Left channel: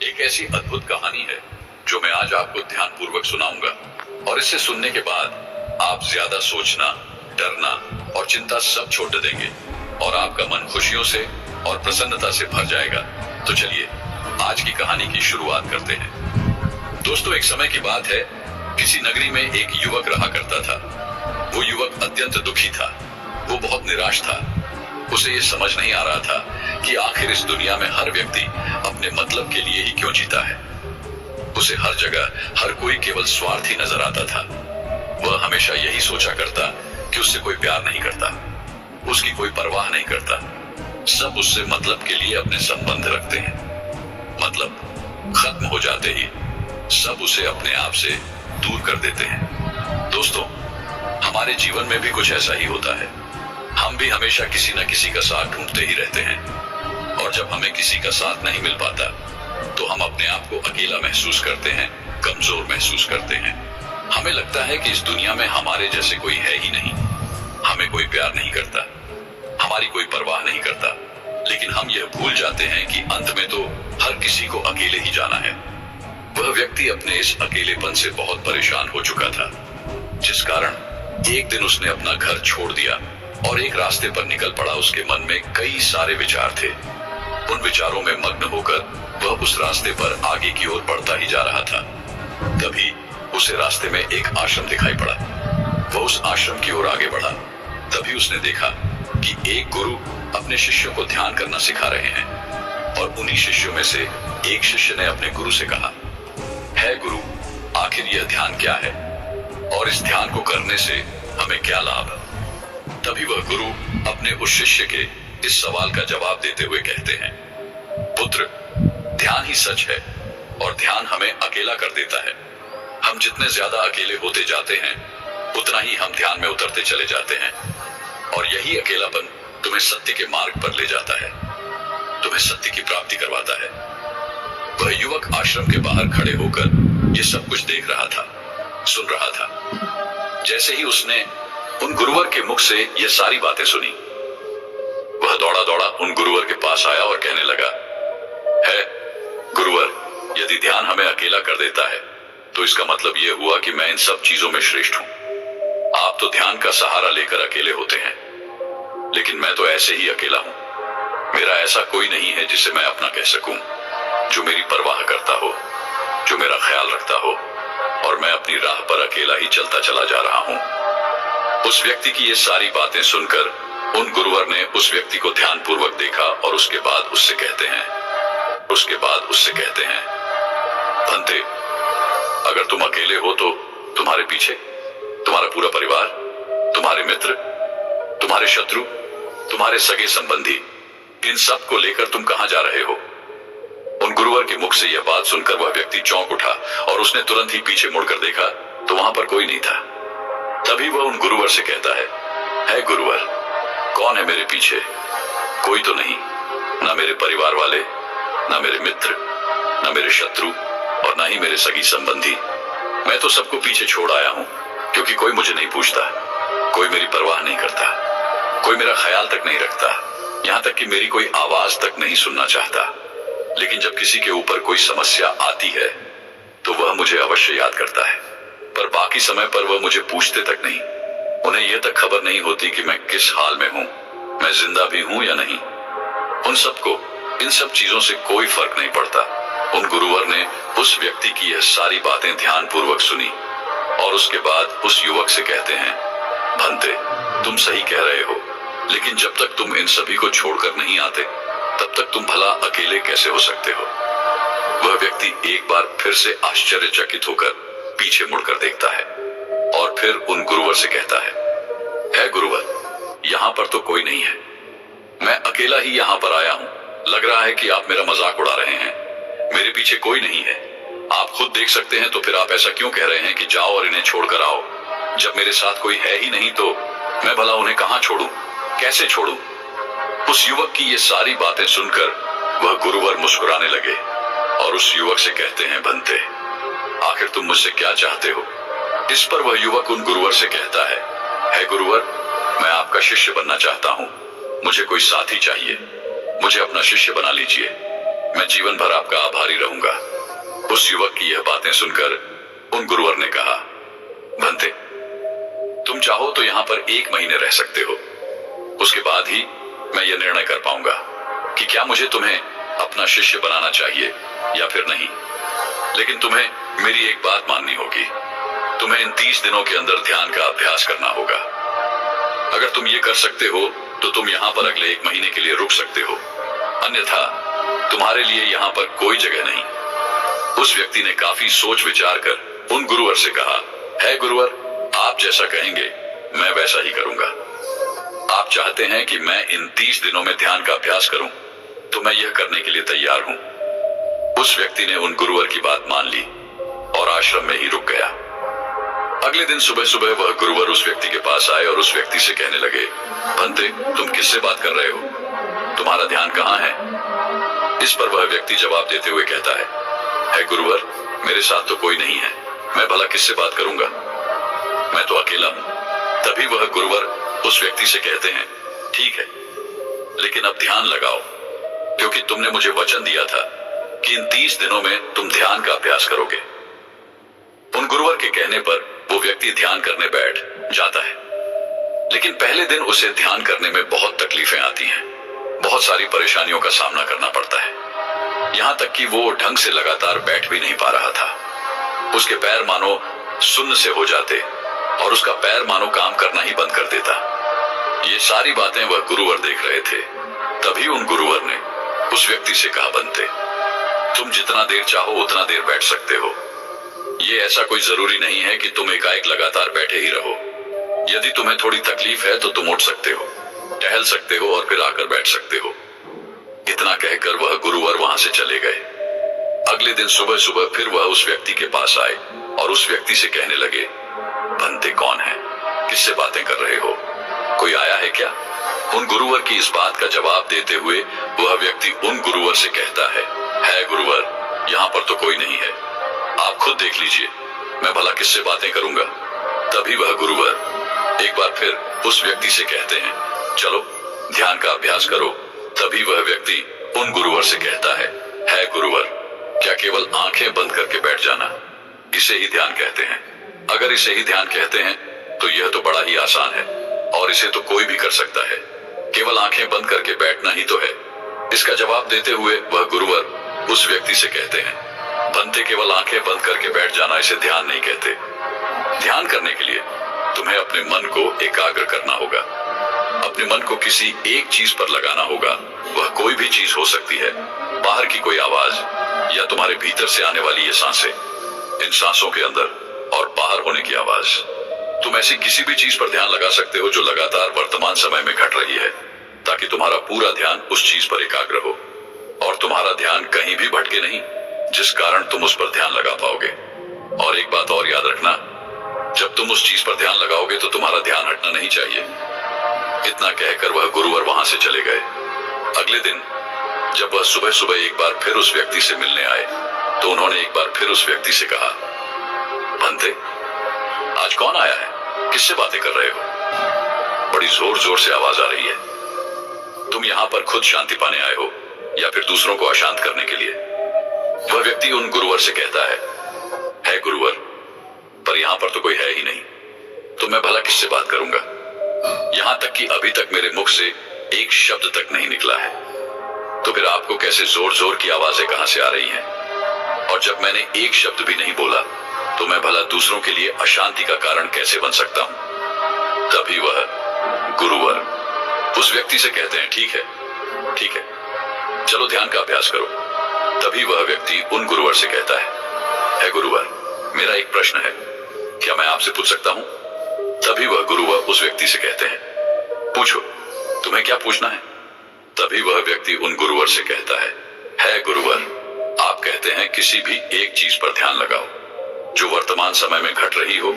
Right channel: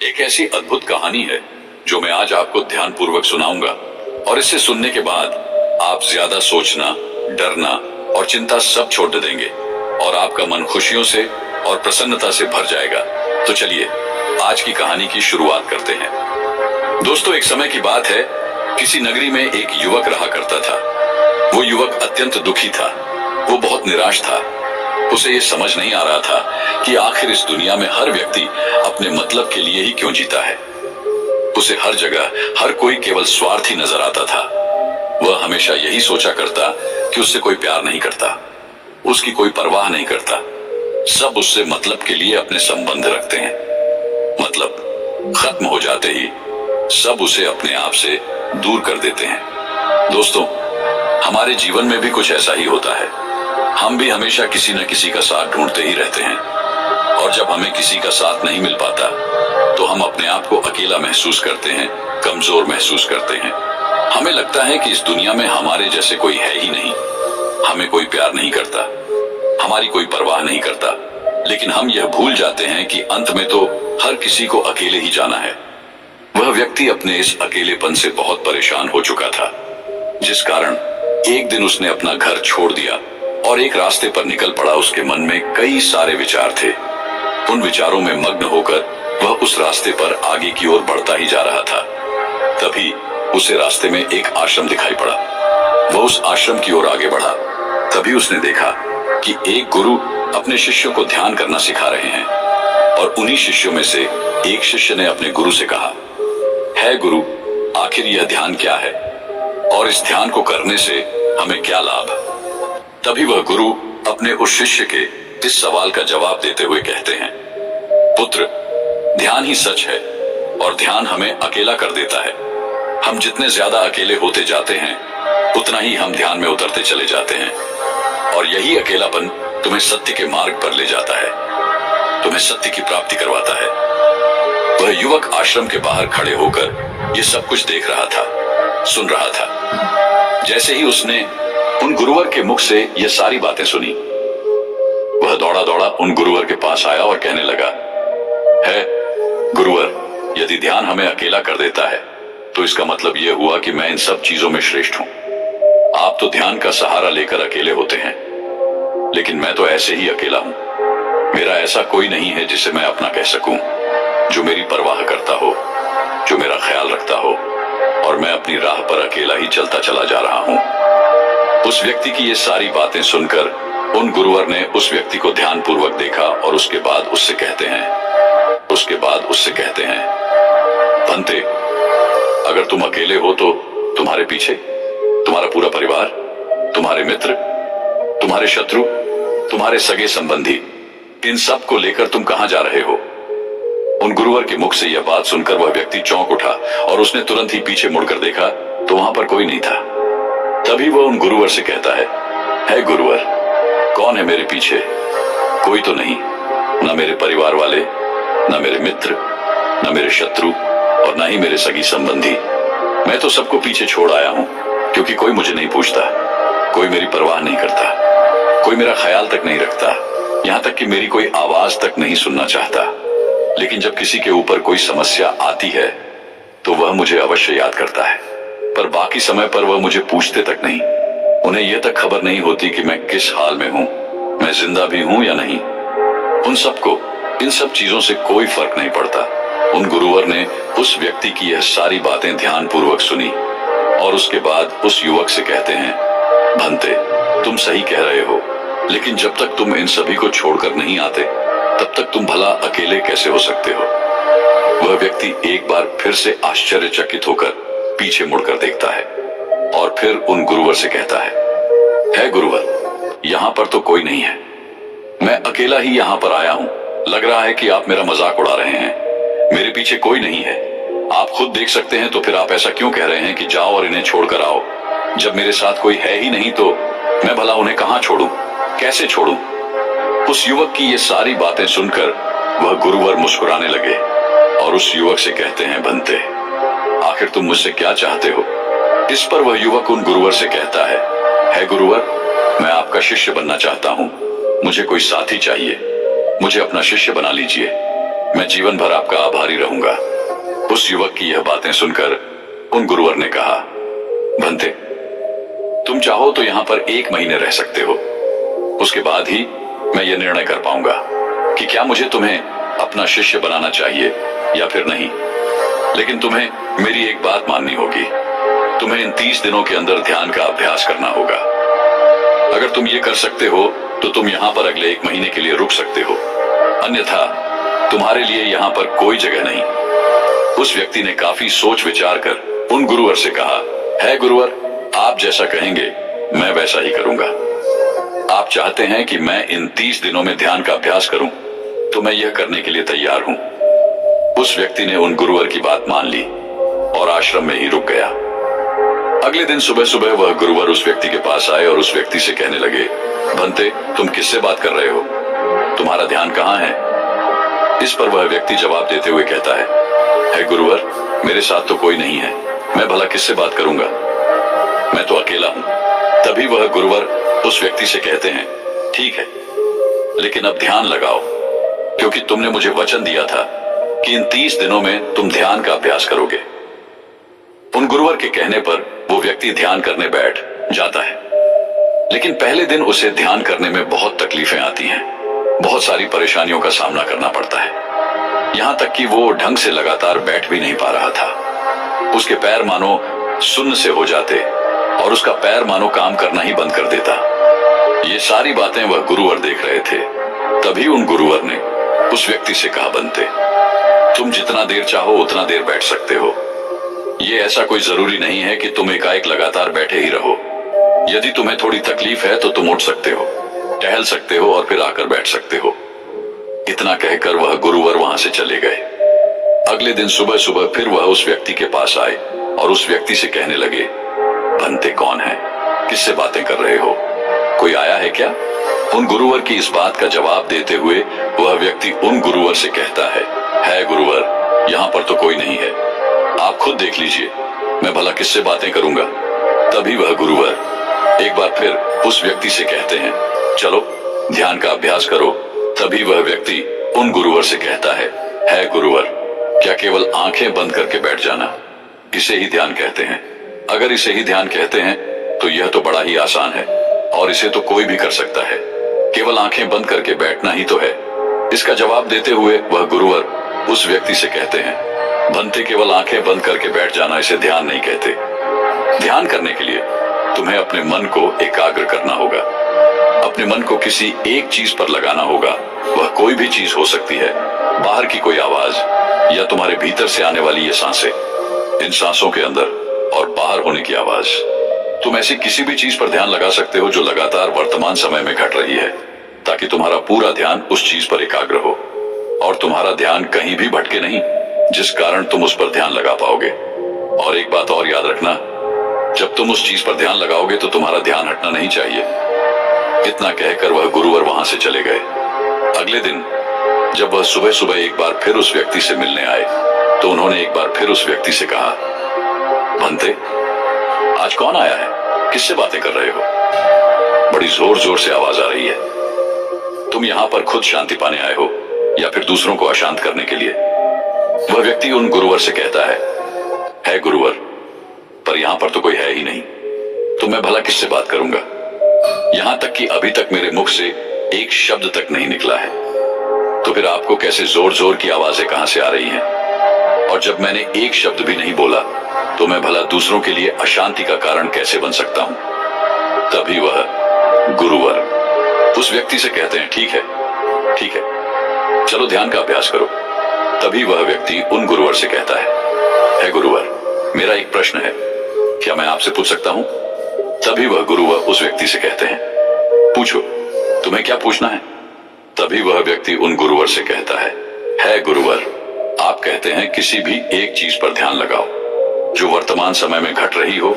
एक ऐसी अद्भुत कहानी है जो मैं आज आपको ध्यानपूर्वक सुनाऊंगा, और इसे सुनने के बाद आप ज्यादा सोचना, डरना और चिंता सब छोड़ देंगे और आपका मन खुशियों से और प्रसन्नता से भर जाएगा। तो चलिए आज की कहानी की शुरुआत करते हैं। दोस्तों, एक समय की बात है, किसी नगरी में एक युवक रहा करता था। वो युवक अत्यंत दुखी था। वो बहुत निराश था। उसे ये समझ नहीं आ रहा था कि आखिर इस दुनिया में हर व्यक्ति अपने मतलब के लिए ही क्यों जीता है। उसे हर जगह हर कोई केवल स्वार्थी नजर आता था। वह हमेशा यही सोचा करता कि उससे कोई प्यार नहीं करता, उसकी कोई परवाह नहीं करता। सब उससे मतलब के लिए अपने संबंध रखते हैं। मतलब खत्म हो जाते ही सब उसे अपने आप से दूर कर देते हैं। दोस्तों, हमारे जीवन में भी कुछ ऐसा ही होता है। हम भी हमेशा किसी न किसी का साथ ढूंढते ही रहते हैं, और जब हमें किसी का साथ नहीं मिल पाता तो हम अपने आप को अकेला महसूस करते हैं, कमजोर महसूस करते हैं। हमें लगता है कि इस दुनिया में हमारे जैसे कोई है ही नहीं। हमें कोई प्यार नहीं करता, हमारी कोई परवाह नहीं करता। लेकिन हम यह भूल जाते हैं कि अंत में तो हर किसी को अकेले ही जाना है। वह व्यक्ति अपने इस अकेलेपन से बहुत परेशान हो चुका था, जिस कारण एक दिन उसने अपना घर छोड़ दिया और एक रास्ते पर निकल पड़ा। उसके मन में कई सारे विचार थे। उन विचारों में मग्न होकर वह उस रास्ते पर आगे की ओर बढ़ता ही जा रहा था। तभी उसे रास्ते में एक आश्रम दिखाई पड़ा। वह उस आश्रम की ओर आगे बढ़ा। तभी उसने देखा कि एक गुरु अपने शिष्यों को ध्यान करना सिखा रहे हैं, और उन्हीं शिष्यों में से एक शिष्य ने अपने गुरु से कहा, है गुरु, आखिर यह ध्यान क्या है और इस ध्यान को करने से हमें क्या लाभ? तभी वह गुरु अपने उस शिष्य के इस सवाल का जवाब देते हुए कहते हैं, पुत्र, ध्यान ही सच है और ध्यान हमें अकेला कर देता है। हम जितने ज्यादा अकेले होते जाते हैं उतना ही हम ध्यान में उतरते चले जाते हैं, और यही अकेलापन तुम्हें सत्य के मार्ग पर ले जाता है, तुम्हें सत्य की प्राप्ति करवाता है। वह युवक आश्रम के बाहर खड़े होकर ये सब कुछ देख रहा था, सुन रहा था। जैसे ही उसने उन गुरुवर के मुख से ये सारी बातें सुनी, वह दौड़ा दौड़ा उन गुरुवर के पास आया और कहने लगा, है गुरुवर, यदि ध्यान हमें अकेला कर देता है तो इसका मतलब यह हुआ कि मैं इन सब चीजों में श्रेष्ठ हूं। आप तो ध्यान का सहारा लेकर अकेले होते हैं, लेकिन मैं तो ऐसे ही अकेला हूं। मेरा ऐसा कोई नहीं है जिसे मैं अपना कह सकूं, जो मेरी परवाह करता हो, जो मेरा ख्याल रखता हो, और मैं अपनी राह पर अकेला ही चलता चला जा रहा हूं। उस व्यक्ति की ये सारी बातें सुनकर उन गुरुवर ने उस व्यक्ति को ध्यानपूर्वक देखा, और उसके बाद उससे कहते हैं, भंते, अगर तुम अकेले हो तो तुम्हारे पीछे तुम्हारा पूरा परिवार, तुम्हारे मित्र, तुम्हारे शत्रु, तुम्हारे सगे संबंधी, इन सब को लेकर तुम कहां जा रहे हो? उन गुरुवर के मुख से यह बात सुनकर वह व्यक्ति चौंक उठा, और उसने तुरंत ही पीछे मुड़कर देखा तो वहां पर कोई नहीं था। तभी वह उन गुरुवर से कहता है गुरुवर, कौन है मेरे पीछे? कोई तो नहीं, न मेरे परिवार वाले, न मेरे मित्र, न मेरे शत्रु, और न ही मेरे सगी संबंधी। मैं तो सबको पीछे छोड़ आया हूं, क्योंकि कोई मुझे नहीं पूछता, कोई मेरी परवाह नहीं करता, कोई मेरा ख्याल तक नहीं रखता, यहां तक कि मेरी कोई आवाज तक नहीं सुनना चाहता। लेकिन जब किसी के ऊपर कोई समस्या आती है तो वह मुझे अवश्य याद करता है, पर बाकी समय पर वह मुझे पूछते तक नहीं। उन्हें यह तक खबर नहीं होती कि मैं किस हाल में हूं, मैं जिंदा भी हूं या नहीं। उन सबको इन सब चीजों से कोई फर्क नहीं पड़ता। उन गुरुवर ने उस व्यक्ति की यह सारी बातें ध्यानपूर्वक सुनी, और उसके बाद उस युवक से कहते हैं, भंते, तुम सही कह रहे हो, लेकिन जब तक तुम इन सभी को छोड़कर नहीं आते तब तक तुम भला अकेले कैसे हो सकते हो? वह व्यक्ति एक बार फिर से आश्चर्यचकित होकर पीछे मुड़कर देखता है, और फिर उन गुरुवर से कहता है गुरुवर, यहां पर तो कोई नहीं है, मैं अकेला ही यहां पर आया हूं। लग रहा है कि आप मेरा मजाक उड़ा रहे हैं। मेरे पीछे कोई नहीं है। आप खुद देख सकते हैं, तो फिर आप ऐसा क्यों कह रहे हैं कि जाओ और इन्हें छोड़कर आओ? जब मेरे साथ कोई है ही नहीं तो मैं भला उन्हें कहां छोड़ूं, कैसे छोड़ूं? उस युवक की ये सारी बातें सुनकर वह गुरुवर मुस्कुराने लगे, और उस युवक से कहते हैं, भंते, आखिर तुम मुझसे क्या चाहते हो? इस पर वह युवक उन गुरुवर से कहता है गुरुवर, मैं आपका शिष्य बनना चाहता हूं। मुझे कोई साथी चाहिए, मुझे अपना शिष्य बना लीजिए। मैं जीवन भर आपका आभारी रहूंगा। उस युवक की यह बातें सुनकर उन गुरुवर ने कहा, भंते, तुम चाहो तो यहां पर 1 महीने रह सकते हो। उसके बाद ही मैं यह निर्णय कर पाऊंगा कि क्या मुझे तुम्हें अपना शिष्य बनाना चाहिए या फिर नहीं। लेकिन तुम्हें मेरी एक बात माननी होगी। तुम्हें इन 30 दिनों के अंदर ध्यान का अभ्यास करना होगा। अगर तुम ये कर सकते हो तो तुम यहां पर अगले 1 महीने के लिए रुक सकते हो, अन्यथा तुम्हारे लिए यहां पर कोई जगह नहीं। उस व्यक्ति ने काफी सोच विचार कर उन गुरुवर से कहा, है गुरुवर, आप जैसा कहेंगे मैं वैसा ही करूंगा। आप चाहते हैं कि मैं इन 30 दिनों में ध्यान का अभ्यास करूं, तो मैं यह करने के लिए तैयार हूं। उस व्यक्ति ने उन गुरुवर की बात मान ली और आश्रम में ही रुक गया। अगले दिन सुबह सुबह वह गुरुवर उस व्यक्ति के पास आए और उस व्यक्ति से कहने लगे, भंते, तुम किससे बात कर रहे हो? तुम्हारा ध्यान कहां है? इस पर वह व्यक्ति जवाब देते हुए कहता है गुरुवर, मेरे साथ तो कोई नहीं है, मैं भला किससे बात करूंगा, मैं तो अकेला हूं। तभी वह गुरुवर उस व्यक्ति से कहते हैं, ठीक है, लेकिन अब ध्यान लगाओ, क्योंकि तुमने मुझे वचन दिया था कि इन 30 दिनों में तुम ध्यान का अभ्यास करोगे। उन गुरुवर के कहने पर वो व्यक्ति ध्यान करने बैठ जाता है। लेकिन पहले दिन उसे ध्यान करने में बहुत तकलीफें आती हैं, बहुत सारी परेशानियों का सामना करना पड़ता है। यहां तक कि वो ढंग से लगातार बैठ भी नहीं पा रहा था। उसके पैर मानो सुन्न से हो जाते और उसका पैर मानो काम करना ही बंद कर देता। ये सारी बातें वह गुरुवर देख रहे थे। तभी उन गुरुवर ने उस व्यक्ति से कहा, बनते, तुम जितना देर चाहो उतना देर बैठ सकते हो। ये ऐसा कोई जरूरी नहीं है कि तुम एकाएक लगातार बैठे ही रहो। यदि तुम्हें थोड़ी तकलीफ है तो तुम उठ सकते हो, टहल सकते हो और फिर आकर बैठ सकते हो। इतना कहकर वह गुरुवर वहां से चले गए। अगले दिन सुबह सुबह फिर वह उस व्यक्ति के पास आए और उस व्यक्ति से कहने लगे, भंते कौन है, किससे बातें कर रहे हो, कोई आया है क्या? उन गुरुवर की इस बात का जवाब देते हुए वह व्यक्ति उन गुरुवर से कहता है गुरुवर, यहाँ पर तो कोई नहीं है, आप खुद देख लीजिए, मैं भला किससे बातें करूंगा। तभी वह गुरुवर एक बार फिर उस व्यक्ति से कहते हैं, चलो ध्यान का अभ्यास करो। तभी वह व्यक्ति उन गुरुवर से कहता है गुरुवर, क्या केवल आंखें बंद करके बैठ जाना इसे ही ध्यान कहते हैं? अगर इसे ही ध्यान कहते हैं तो यह तो बड़ा ही आसान है और इसे तो कोई भी कर सकता है, केवल आंखें बंद करके बैठना ही तो है। इसका जवाब देते हुए वह गुरुवर उस व्यक्ति से कहते हैं, बनते, केवल आंखें बंद करके बैठ जाना इसे ध्यान नहीं कहते। ध्यान करने के लिए तुम्हें अपने मन को एकाग्र करना होगा, अपने मन को किसी एक चीज पर लगाना होगा। वह कोई भी चीज हो सकती है, बाहर की कोई आवाज या तुम्हारे भीतर से आने वाली ये सांसें, इन सांसों के अंदर और बाहर होने की आवाज। तुम ऐसी किसी भी चीज पर ध्यान लगा सकते हो जो लगातार वर्तमान समय में घट रही है, ताकि तुम्हारा पूरा ध्यान उस चीज पर एकाग्र हो और तुम्हारा ध्यान कहीं भी भटके नहीं, जिस कारण तुम उस पर ध्यान लगा पाओगे। और एक बात और याद रखना, जब तुम उस चीज पर ध्यान लगाओगे तो तुम्हारा ध्यान हटना नहीं चाहिए। इतना कहकर वह गुरुवर वहां से चले गए। अगले दिन जब वह सुबह सुबह एक बार फिर उस व्यक्ति से मिलने आए तो उन्होंने एक बार फिर उस व्यक्ति से कहा, भंते, आज कौन आया है, किससे बातें कर रहे हो? बड़ी जोर जोर से आवाज आ रही है। तुम यहां पर खुद शांति पाने आए हो या फिर दूसरों को अशांत करने के लिए? वह व्यक्ति उन गुरुवर से कहता है गुरुवर, पर यहां पर तो कोई है ही नहीं, तो मैं भला किससे बात करूंगा? यहां तक कि अभी तक मेरे मुख से एक शब्द तक नहीं निकला है, तो फिर आपको कैसे जोर जोर की आवाजें कहां से आ रही हैं? और जब मैंने एक शब्द भी नहीं बोला तो मैं भला दूसरों के लिए अशांति का कारण कैसे बन सकता हूं? तभी वह गुरुवर उस व्यक्ति से कहते हैं, ठीक है, चलो ध्यान का अभ्यास करो। तभी वह व्यक्ति उन गुरुवर से कहता है गुरुवर, मेरा एक प्रश्न है, क्या मैं आपसे पूछ सकता हूं? तभी वह गुरुवर उस व्यक्ति से कहते हैं, पूछो, तुम्हें क्या पूछना है? तभी वह व्यक्ति उन गुरुवर से कहता है गुरुवर, आप कहते हैं किसी भी एक चीज पर ध्यान लगाओ, जो वर्तमान समय में घट रही हो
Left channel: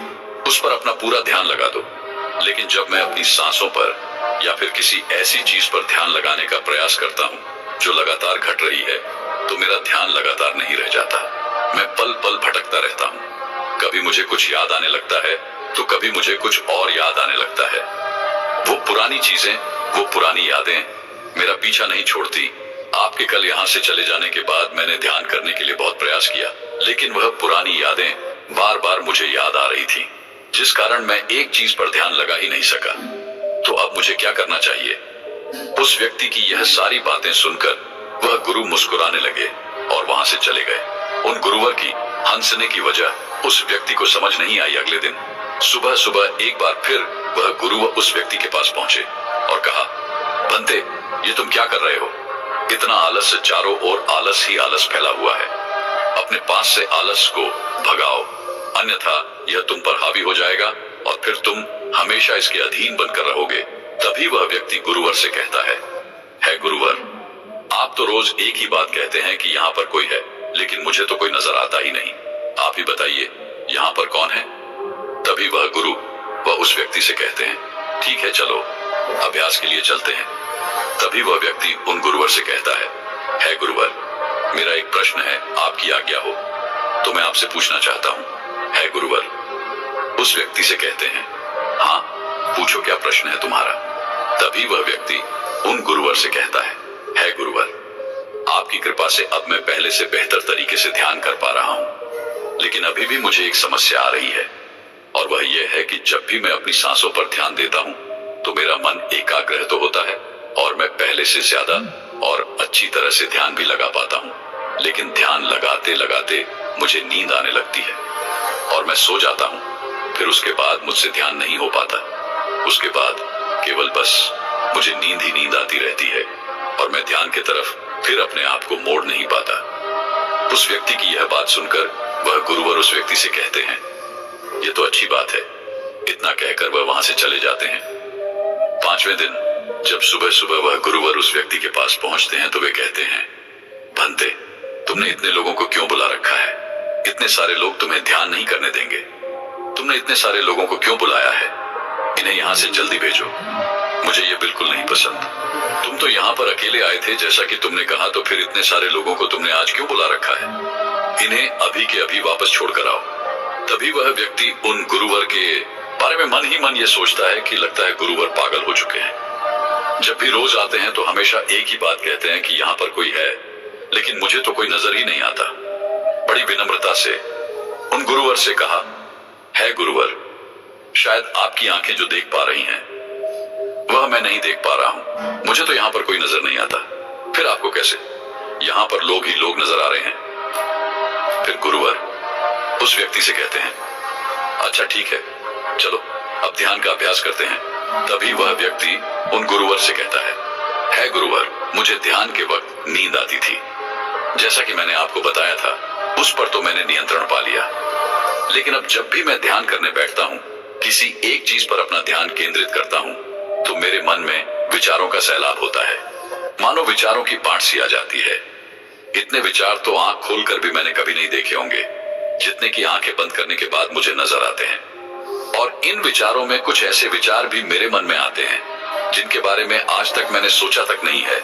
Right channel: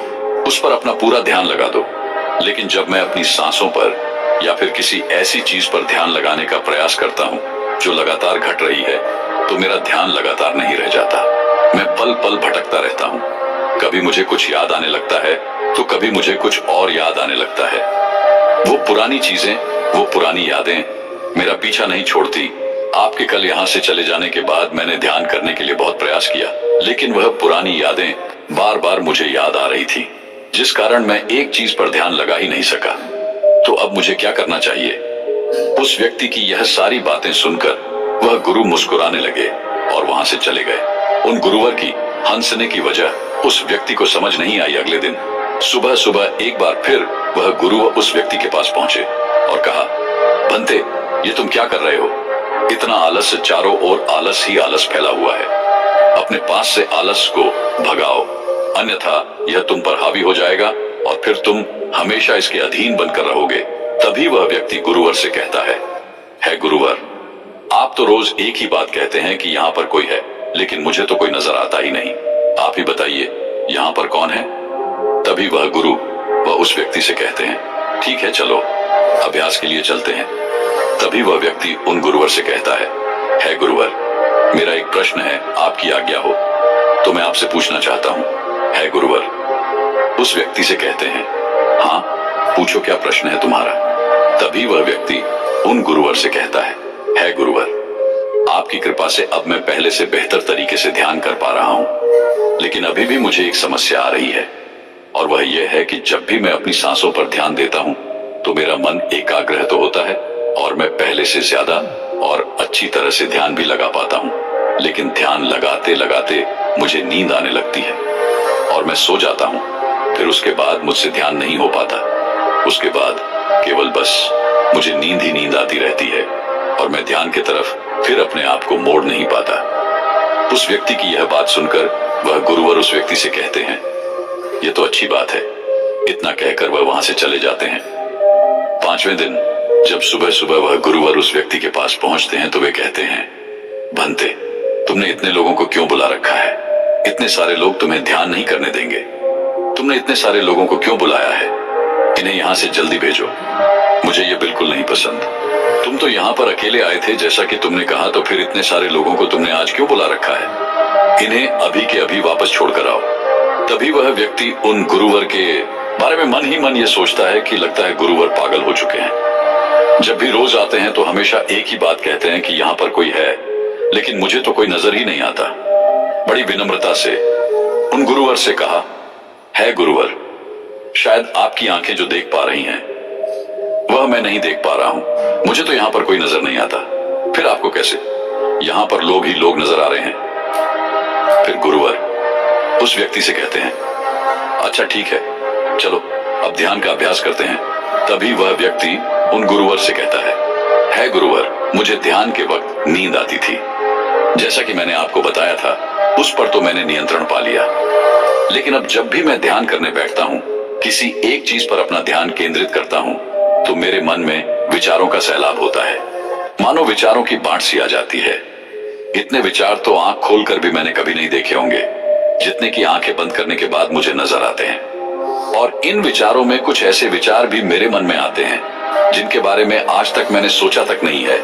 उस पर अपना पूरा ध्यान लगा दो। लेकिन जब मैं अपनी सांसों पर या फिर किसी ऐसी चीज पर ध्यान लगाने का प्रयास करता हूं जो लगातार घट रही है, तो मेरा ध्यान लगातार नहीं रह जाता। मैं पल पल भटकता रहता हूं। कभी मुझे कुछ याद आने लगता है तो कभी मुझे कुछ और याद आने लगता है। वो पुरानी चीजें, वो पुरानी यादें मेरा पीछा नहीं छोड़ती आपके कल यहाँ से चले जाने के बाद मैंने ध्यान करने के लिए बहुत प्रयास किया, लेकिन वह पुरानी यादें बार बार मुझे याद आ रही थी, जिस कारण मैं एक चीज पर ध्यान लगा ही नहीं सका। तो अब मुझे क्या करना चाहिए? उस व्यक्ति की यह सारी बातें सुनकर वह गुरु मुस्कुराने लगे और वहां से चले गए। उन गुरुवर की हंसने की वजह उस व्यक्ति को समझ नहीं आई। अगले दिन सुबह सुबह एक बार फिर वह गुरु उस व्यक्ति के पास पहुंचे और कहा, भंते, ये तुम क्या कर रहे हो? इतना आलस, चारों ओर आलस ही आलस फैला हुआ है। अपने पास से आलस को भगाओ, अन्यथा यह तुम पर हावी हो जाएगा और फिर तुम हमेशा इसके अधीन बनकर रहोगे। तभी वह व्यक्ति गुरुवर से कहता है गुरुवर, आप तो रोज एक ही बात कहते हैं कि यहाँ पर कोई है, लेकिन मुझे तो कोई नजर आता ही नहीं। आप ही बताइए, यहाँ पर कौन है? तभी वह गुरु वह उस व्यक्ति से कहते हैं, ठीक है, चलो अभ्यास के लिए चलते हैं। तभी वह व्यक्ति उन गुरुवर से कहता है गुरुवर, मेरा एक प्रश्न है, आपकी आज्ञा हो तो मैं आपसे पूछना चाहता हूँ। है गुरुवर उस व्यक्ति से कहते हैं, हाँ पूछो, क्या प्रश्न है तुम्हारा? तभी वह व्यक्ति उन गुरुवर से कहता है गुरुवर, आपकी कृपा से अब मैं पहले से बेहतर तरीके से ध्यान कर पा रहा हूँ, लेकिन अभी भी मुझे एक समस्या आ रही है, और वह यह है कि जब भी मैं अपनी सांसों पर ध्यान देता हूँ तो मेरा मन एकाग्र तो होता है और मैं पहले से ज्यादा और अच्छी तरह से ध्यान भी लगा पाता हूँ, लेकिन ध्यान लगाते लगाते मुझे नींद आने लगती है और मैं सो जाता हूँ। फिर उसके बाद मुझसे ध्यान नहीं हो पाता। उसके बाद केवल बस मुझे नींद ही नींद आती रहती है और मैं ध्यान की तरफ फिर अपने आप को मोड़ नहीं पाता। उस व्यक्ति की यह बात सुनकर वह गुरुवर उस व्यक्ति से कहते हैं, ये तो अच्छी बात है। इतना कहकर वह वहां से चले जाते हैं। 5वें दिन जब सुबह सुबह वह गुरुवर उस व्यक्ति के पास पहुंचते हैं तो वे कहते हैं, भंते, तुमने इतने लोगों को क्यों बुला रखा है? इतने सारे लोग तुम्हें ध्यान नहीं करने देंगे। तुमने इतने सारे लोगों को क्यों बुलाया है? इन्हें यहां से जल्दी भेजो। मुझे ये बिल्कुल नहीं पसंद। तुम तो यहाँ पर अकेले आए थे जैसा कि तुमने कहा, तो फिर इतने सारे लोगों को तुमने आज क्यों बुला रखा है? इन्हें अभी के अभी वापस छोड़कर आओ। तभी वह व्यक्ति उन गुरुवर के बारे में मन ही मन ये सोचता है कि लगता है गुरुवर पागल हो चुके हैं। जब भी रोज आते हैं तो हमेशा एक ही बात कहते हैं कि यहाँ पर कोई है, लेकिन मुझे तो कोई नजर ही नहीं आता। बड़ी विनम्रता से उन गुरुवर से कहा, है गुरुवर, शायद आपकी आंखें जो देख पा रही हैं वह मैं नहीं देख पा रहा हूं। मुझे तो यहाँ पर कोई नजर नहीं आता। फिर आपको कैसे? यहाँ पर लोग ही लोग नजर आ रहे हैं। फिर गुरुवर उस व्यक्ति से कहते हैं, अच्छा ठीक है, चलो अब ध्यान का अभ्यास करते हैं। तभी वह व्यक्ति उन गुरुवर से कहता है गुरुवर, मुझे ध्यान के वक्त नींद आती थी। जैसा कि मैंने आपको बताया था, उस पर तो मैंने नियंत्रण पा लिया, लेकिन अब जब भी मैं ध्यान करने बैठता हूँ, किसी एक चीज पर अपना ध्यान केंद्रित करता हूँ, तो मेरे मन में विचारों का सैलाब होता है। मानो विचारों की बाढ़ सी आ जाती है। इतने विचार तो आंख खोलकर भी मैंने कभी नहीं देखे होंगे, जितने की आंखें बंद करने के बाद मुझे नजर आते हैं। और इन विचारों में कुछ ऐसे विचार भी मेरे मन में आते हैं जिनके बारे में आज तक मैंने सोचा तक नहीं है।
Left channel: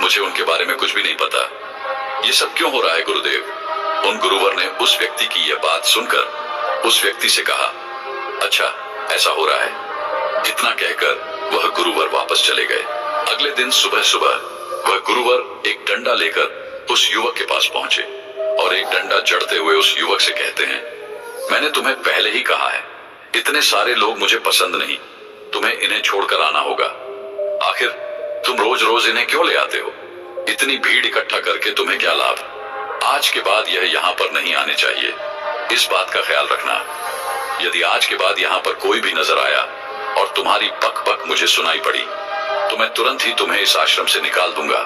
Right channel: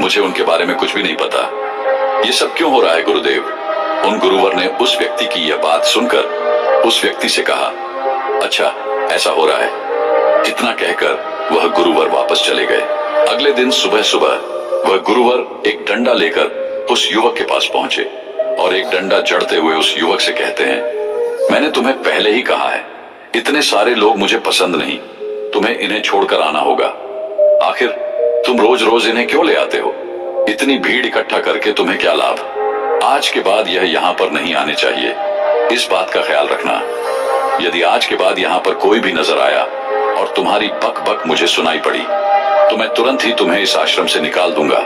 मुझे उनके बारे में कुछ भी नहीं पता। ये सब क्यों हो रहा है गुरुदेव? उन गुरुवर ने उस व्यक्ति की यह बात सुनकर उस व्यक्ति से कहा, अच्छा ऐसा हो रहा है। इतना कहकर वह गुरुवर वापस चले गए। अगले दिन सुबह सुबह वह गुरुवर एक डंडा लेकर उस युवक के पास पहुंचे और एक डंडा जड़ते हुए उस युवक से कहते हैं, मैंने तुम्हें पहले ही कहा है, इतने सारे लोग मुझे पसंद नहीं, तुम्हें इन्हें छोड़कर आना होगा। आखिर तुम रोज रोज इन्हें क्यों ले आते हो? इतनी भीड़ इकट्ठा करके तुम्हें क्या लाभ? आज के बाद यह यहाँ पर नहीं आने चाहिए। इस बात का ख्याल रखना। यदि आज के बाद यहाँ पर कोई भी नजर आया और तुम्हारी बक बक मुझे सुनाई पड़ी तो मैं तुरंत ही तुम्हें इस आश्रम से निकाल दूंगा।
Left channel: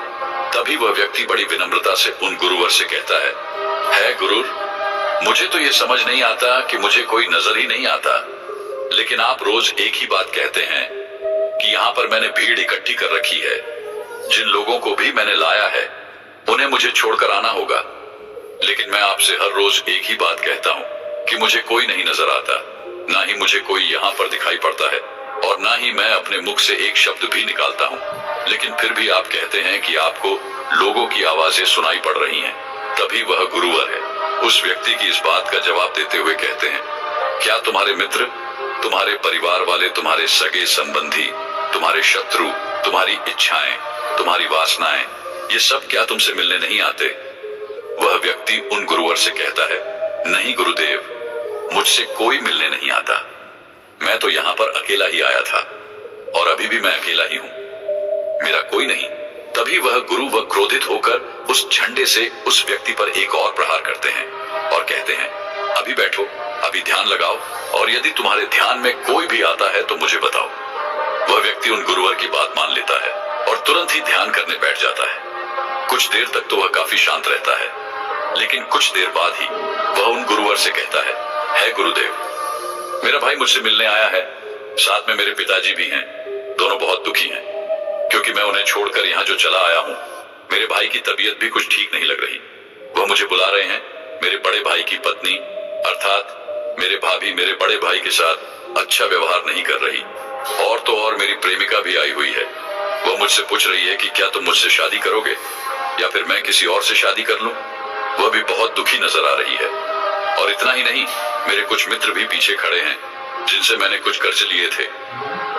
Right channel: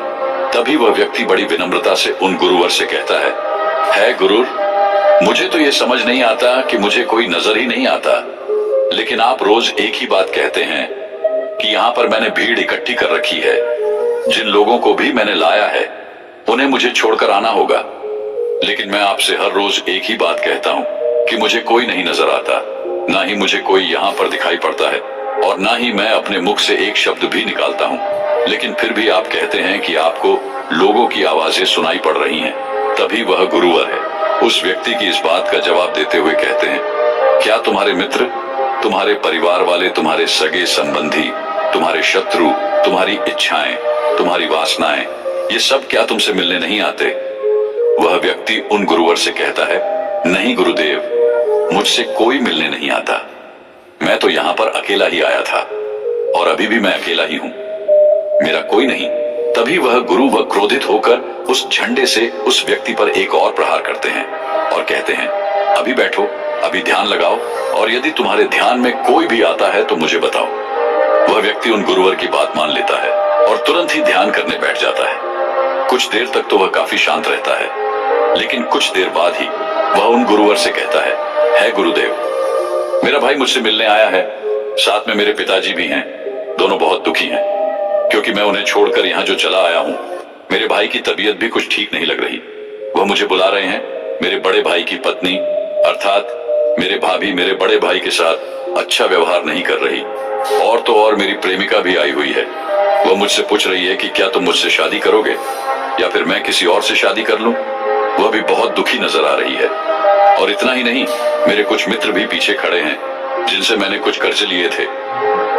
तभी वह व्यक्ति बड़ी विनम्रता से उन गुरुवर से कहता है गुरुर, मुझे तो ये समझ नहीं आता कि मुझे कोई नजर ही नहीं आता, लेकिन आप रोज एक ही बात कहते हैं कि यहाँ पर मैंने भीड़ इकट्ठी कर रखी है। जिन लोगों को भी मैंने लाया है उन्हें मुझे छोड़कर आना होगा, लेकिन मैं आपसे हर रोज एक ही बात कहता हूँ कि मुझे कोई नहीं नजर आता, ना ही मुझे कोई यहाँ पर दिखाई पड़ता है और ना ही मैं अपने मुख से एक शब्द भी निकालता हूँ, लेकिन फिर भी आप कहते हैं कि आपको लोगों की आवाजें सुनाई पड़ रही हैं। तभी वह गुरुवर है उस व्यक्ति की इस बात का जवाब देते हुए कहते हैं, क्या तुम्हारे मित्र, तुम्हारे परिवार वाले, तुम्हारे सगे संबंधी, तुम्हारे शत्रु, तुम्हारी इच्छाएं, तुम्हारी वासनाएं ये सब क्या तुमसे मिलने नहीं आते? वह व्यक्ति उन गुरुवर से कहता है, नहीं गुरुदेव, मुझसे कोई मिलने नहीं आता। मैं तो यहाँ पर अकेला ही आया था और अभी भी मैं अकेला ही हूँ, मेरा कोई नहीं। तभी वह गुरु वह क्रोधित होकर उस झंडे से उस व्यक्ति पर एक और प्रहार करते हैं और कहते हैं, अभी बैठो, अभी ध्यान लगाओ, और यदि तुम्हारे ध्यान में कोई भी आता है तो मुझे बताओ। वह व्यक्ति उन गुरुवर की बात मान लेता है और तुरंत ही ध्यान करने बैठ जाता है। कुछ देर तक तो वह काफी शांत रहता है, लेकिन कुछ देर बाद ही वह उन गुरुवर से कहता है गुरुदेव, मेरा भाई मुझसे मिलने आया है, साथ में मेरे पिताजी भी हैं। दोनों बहुत दुखी हैं क्योंकि मैं उन्हें छोड़कर यहाँ जो चला आया हूँ, मेरे भाई की तबीयत भी कुछ ठीक नहीं लग रही। वह मुझे बुला रहे हैं। मेरे बड़े भाई की पत्नी अर्थात मेरे भाभी मेरे बड़े भाई के साथ अच्छा व्यवहार नहीं कर रही, और तो और मेरी प्रेमिका भी आई हुई है। वह मुझसे पूछ रही है कि क्या तुम मुझसे शादी करोगे या फिर मैं किसी और से शादी कर लूं। वह भी बहुत दुखी नजर आ रही है। और इतना ही नहीं, मेरे कुछ मित्र भी पीछे खड़े हैं जिनसे मैंने कुछ कर्ज लिए थे।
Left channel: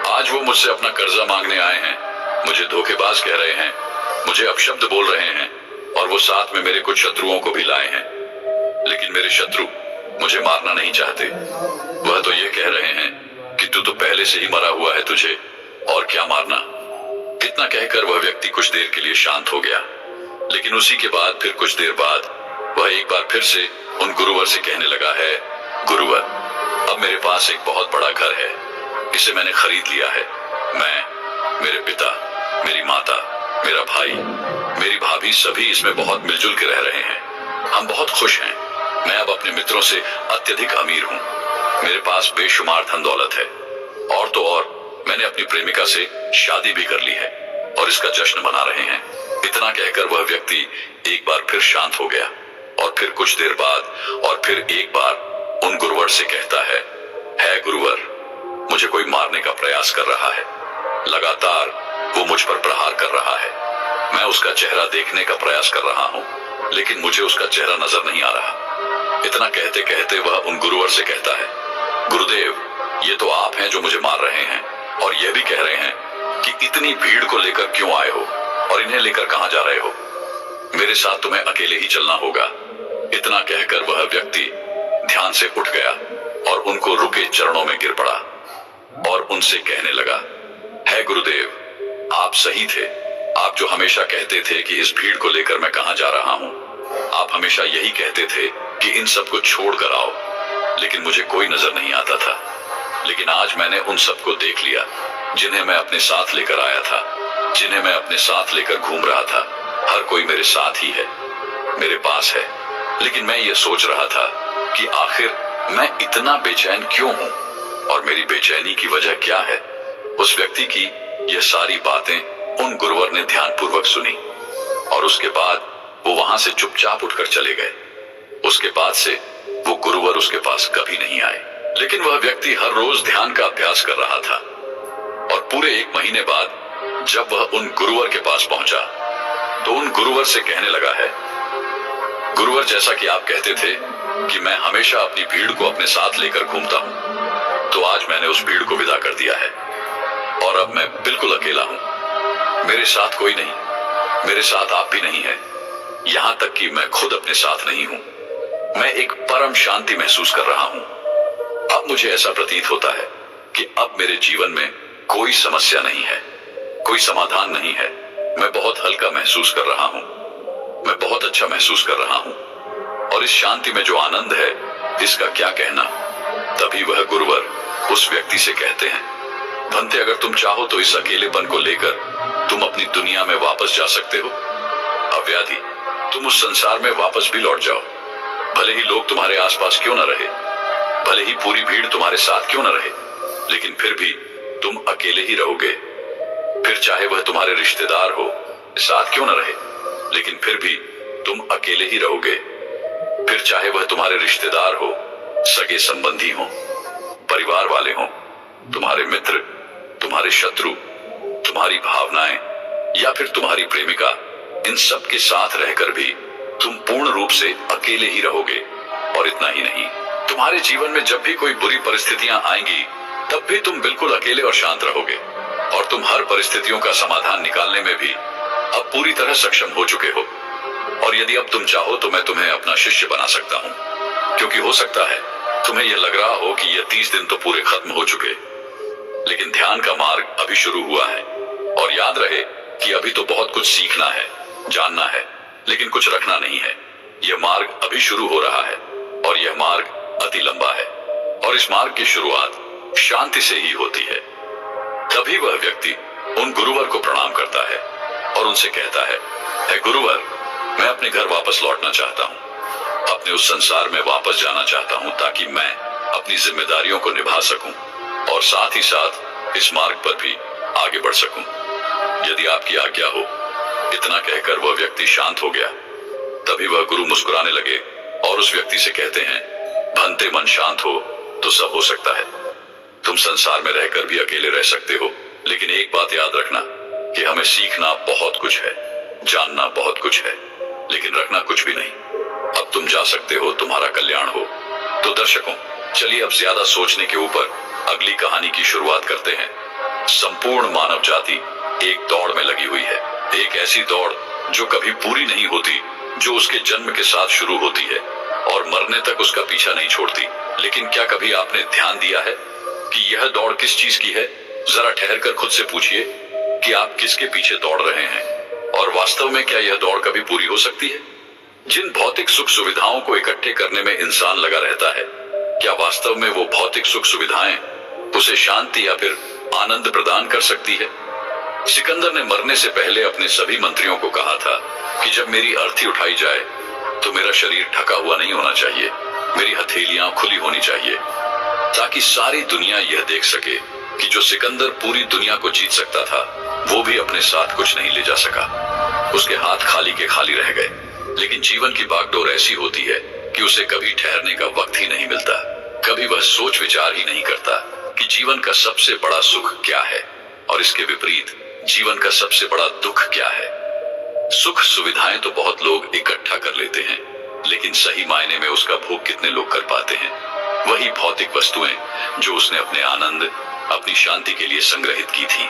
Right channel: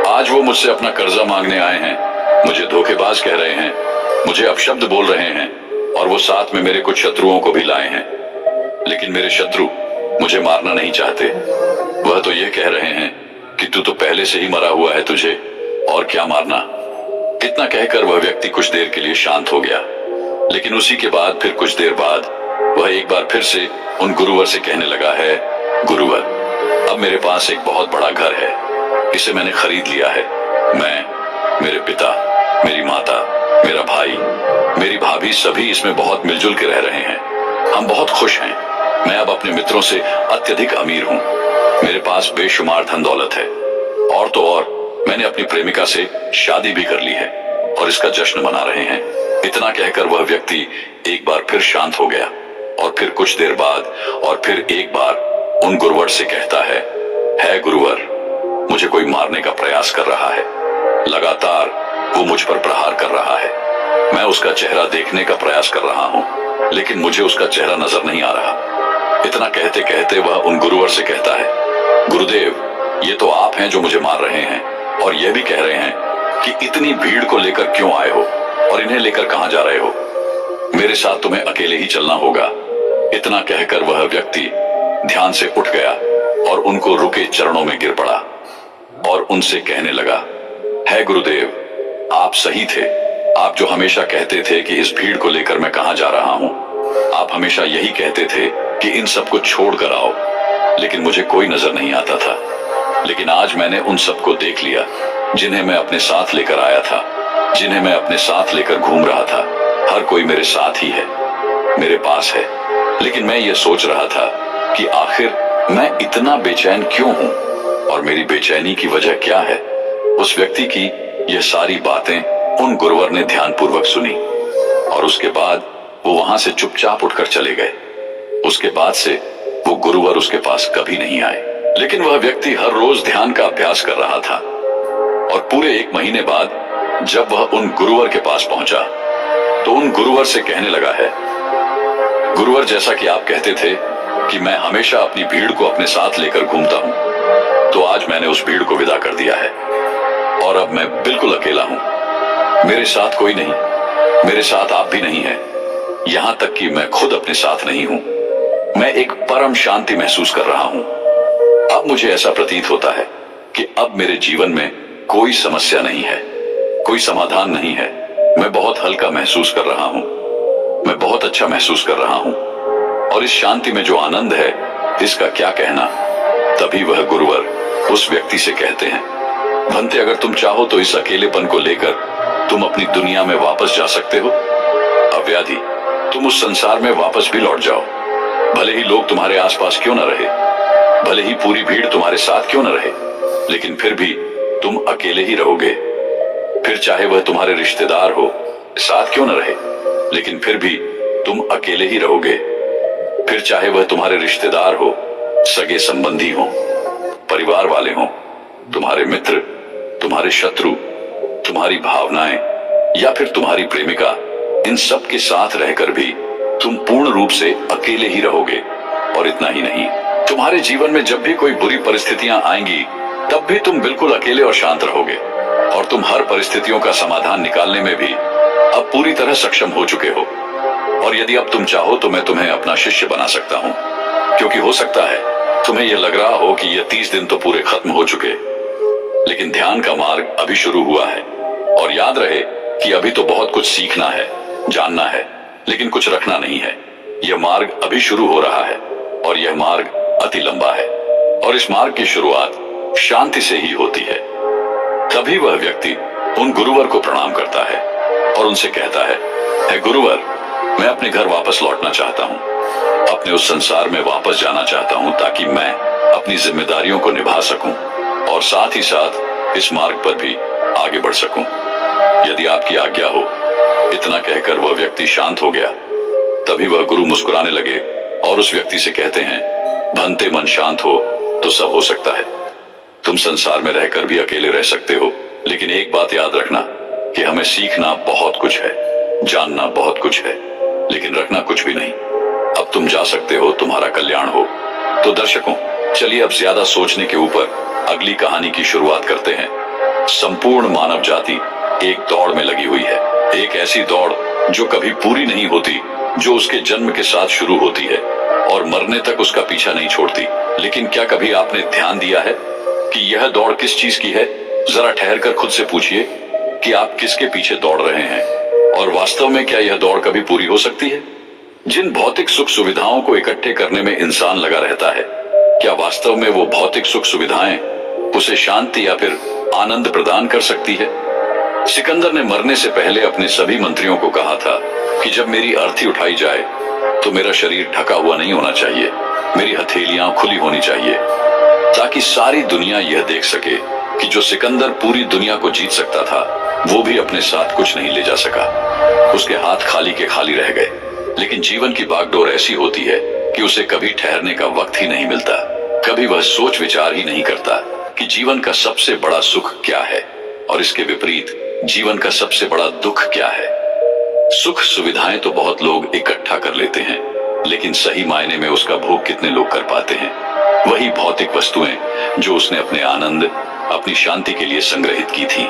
आज वो मुझसे अपना कर्जा मांगने आए हैं, मुझे धोखेबाज कह रहे हैं, मुझे अपशब्द बोल रहे हैं, और वो साथ में मेरे कुछ शत्रुओं को भी लाए हैं। लेकिन मेरे शत्रु मुझे मारना नहीं चाहते। वह तो ये कह रहे हैं कि तू तो पहले से ही मरा हुआ है, तुझे और क्या मारना। इतना कहकर वह व्यक्ति कुछ देर के लिए शांत हो गया, लेकिन उसी के बाद फिर कुछ देर बाद वह एक बार फिर से उन गुरुवर से कहने लगा है, गुरुवर, अब मेरे पास एक बहुत बड़ा घर है, इसे मैंने खरीद लिया है। मैं, मेरे पिता, मेरी माता, मेरा भाई, मेरी भाभी सभी इसमें बहुत मिलजुल के रह रहे हैं। हम बहुत खुश हैं। मैं अब अपने मित्रों से अत्यधिक अमीर हूँ। मेरे पास बेशुमार धन दौलत है, और तो और मैंने अपनी प्रेमिका से शादी भी कर ली है और इसका जश्न मना रहे हैं। इतना कहकर वह व्यक्ति एक बार फिर शांत हो गया और फिर कुछ देर बाद और फिर एक बार उन गुरुवर से कहता है गुरुवर, मुझे कोई मारने का प्रयास कर रहा है। लगातार वो मुझ पर प्रहार कर रहा है। मैं उसका चेहरा देखने का प्रयास कर रहा हूँ, लेकिन मुझे उसका चेहरा नजर नहीं आ रहा। इतना कहते कहते वह उन गुरुवर से कहता है, गुरुदेव, ये तो आप हैं जो मुझे मार रहे हैं और यह भी कह रहे हैं कि इतनी भीड़ को लेकर क्यों आए हो और इन्हें लेकर कहां जा रहे हो। मेरे साथ तुम्हें अकेले ही चलना होगा। इतना कहकर वह व्यक्ति ध्यान से उठ गया और उनको रुके चरणों में गिर पड़ा और उनसे कहने लगा, है गुरुदेव, आप सही थे। आप जो हमेशा कहते थे कि इस भीड़ को लेकर मैं कहां जा रहा हूं, आप हमेशा यही कहते थे कि इन सबको छोड़ कर आओ, लेकिन मुझे कोई नजर नहीं आता था। लेकिन आज मैंने उन सबको देख लिया जिन्हें मैं अपने साथ लेकर आया था, जिन्हें मैं अपने साथ लेकर घूम रहा था। हर कोई मेरे साथ ही है, मेरे पास है। लेकिन मैं ये सोच रहा था कि आखिर मैं इतना बेचैन क्यों हूं और मेरी बेचैनी की वजह क्या है। उस व्यक्ति की यह सारी बातें उन गुरुवर ने ध्यानपूर्वक सुनी और उसके बाद वो वहां से चुपचाप उठकर चले गए। उसके बाद से वो गुरुवर उसके पास कभी नहीं आए। लेकिन वह व्यक्ति हर रोज ध्यान का अभ्यास कर रहा था और पूरे 1 महीने बाद जब वह उन गुरुवर के पास पहुंचा तो उन गुरुवर से कहने लगा है, गुरुवर, जैसा कि आप कहते थे कि मैं हमेशा अपनी भीड़ को अपने साथ लेकर घूमता हूं, तो आज मैंने उस भीड़ को विदा कर दिया है और अब मैं बिल्कुल अकेला हूं। मेरे साथ कोई नहीं, मेरे साथ आप भी नहीं है, यहां तक कि मैं खुद अपने साथ नहीं हूं। मैं एक परम शांति महसूस कर रहा हूं। अब मुझे ऐसा प्रतीत होता है कि अब मेरे जीवन में कोई समस्या नहीं है, कोई समाधान नहीं है। मैं बहुत हल्का महसूस कर रहा हूं, मैं बहुत अच्छा महसूस कर रहा हूं और इस शांति में जो आनंद है इसका क्या कहना। तभी वह गुरुवर उस व्यक्ति से कहते हैं, भंते, अगर तुम चाहो तो इस अकेलेपन को लेकर तुम अपनी दुनिया में वापस जा सकते हो। अव्याधि, तुम उस संसार में वापस भी लौट जाओ। भले ही लोग तुम्हारे आसपास क्यों न रहे, भले ही पूरी भीड़ तुम्हारे साथ क्यों न रहे, लेकिन फिर भी तुम अकेले ही रहोगे। फिर चाहे वह तुम्हारे रिश्तेदार हो, साथ क्यों न रहे, लेकिन फिर भी तुम अकेले ही रहोगे। फिर चाहे वह तुम्हारे रिश्तेदार हो, सगे संबंधी हो, परिवार वाले हो, तुम्हारे मित्र, तुम्हारे शत्रु, तुम्हारी भावनाएं या फिर तुम्हारी प्रेमिका, इन सब के साथ रहकर भी तुम पूर्ण रूप से अकेले ही रहोगे। और इतना ही नहीं, तुम्हारे जीवन में जब भी कोई बुरी परिस्थितियां आएंगी तब भी तुम बिल्कुल अकेले और शांत रहोगे और तुम हर परिस्थितियों का समाधान निकालने में भी अब पूरी तरह सक्षम हो चुके हो। और यदि अब तुम चाहो तो मैं तुम्हें अपना शिष्य बना सकता हूं, क्योंकि हो सकता है तुम्हें यह लग रहा हो कि ये 30 दिन तो पूरे खत्म हो चुके, लेकिन ध्यान का मार्ग अभी शुरू हुआ है। और याद रहे कि अभी तो बहुत कुछ सीखना है, जानना है, लेकिन कुछ रखना नहीं है। यह मार्ग अभी शुरू हो रहा है और यह मार्ग अति लंबा है। और इस मार्ग की शुरुआत शांति से ही होती है। तभी वह व्यक्ति उन गुरुवर को प्रणाम करता है और उनसे कहता है गुरुवर, मैं अपने घर वापस लौटना चाहता हूं, अपने उस संसार में वापस जाना चाहता हूं, ताकि मैं अपनी जिम्मेदारियों को निभा सकूं और साथ ही साथ इस मार्ग पर भी आगे बढ़ सकूं। यदि आपकी आज्ञा हो। इतना कहकर वह व्यक्ति शांत हो गया। तभी वह गुरु मुस्कुराने लगे और उस व्यक्ति से कहते हैं, भंते मन शांत हो तो सब हो सकता है। तुम संसार में रहकर भी अकेले रह सकते हो, लेकिन एक बात याद रखना कि हमें सीखना बहुत कुछ है, जानना बहुत कुछ है, लेकिन रखना कुछ भी नहीं। अब तुम जा सकते हो, तुम्हारा कल्याण हो। तो दर्शकों, चलिए अब ज्यादा सोचने के ऊपर अगली कहानी की शुरुआत करते हैं। संपूर्ण मानव जाति एक दौड़ में लगी हुई है, एक ऐसी दौड़ जो कभी पूरी नहीं होती, जो उसके जन्म के साथ शुरू होती है और मरने तक उसका पीछा नहीं छोड़ती। लेकिन क्या कभी आपने ध्यान दिया है कि यह दौड़ किस चीज की है? जरा ठहरकर खुद से पूछिए कि आप किसके पीछे दौड़ रहे हैं, और वास्तव में क्या यह दौड़ कभी पूरी हो सकती है? जिन भौतिक सुख सुविधाओं को इकट्ठे करने में इंसान लगा रहता है, क्या वास्तव में वो भौतिक सुख सुविधाएं उसे शांति या फिर आनंद प्रदान कर सकती है? सिकंदर ने मरने से पहले अपने सभी मंत्रियों को कहा था कि जब मेरी अर्थी उठाई जाए तो मेरा शरीर ढका हुआ नहीं होना चाहिए, मेरी हथेलियां खुली होनी चाहिए, ताकि सारी दुनिया यह देख सके कि जो सिकंदर पूरी दुनिया को जीत सकता था, वो भी अपने साथ कुछ नहीं ले जा सका। उसके हाथ खाली के खाली रह गए। लेकिन जीवन की बागडोर ऐसी होती है कि उसे कभी ठहरने का वक्त ही नहीं मिलता। कभी वह सोच विचार ही नहीं करता कि जीवन का सबसे बड़ा सुख क्या है और इसके विपरीत जीवन का सबसे बड़ा दुख क्या है। सुख सुविधाएं तो बहुत लोग इकट्ठा कर लेते हैं, लेकिन सही मायने में उसका भोग कितने लोग कर पाते हैं? वही भौतिक वस्तुएं जो उसने अपने आनंद, अपनी शांति के लिए संग्रहित की थी,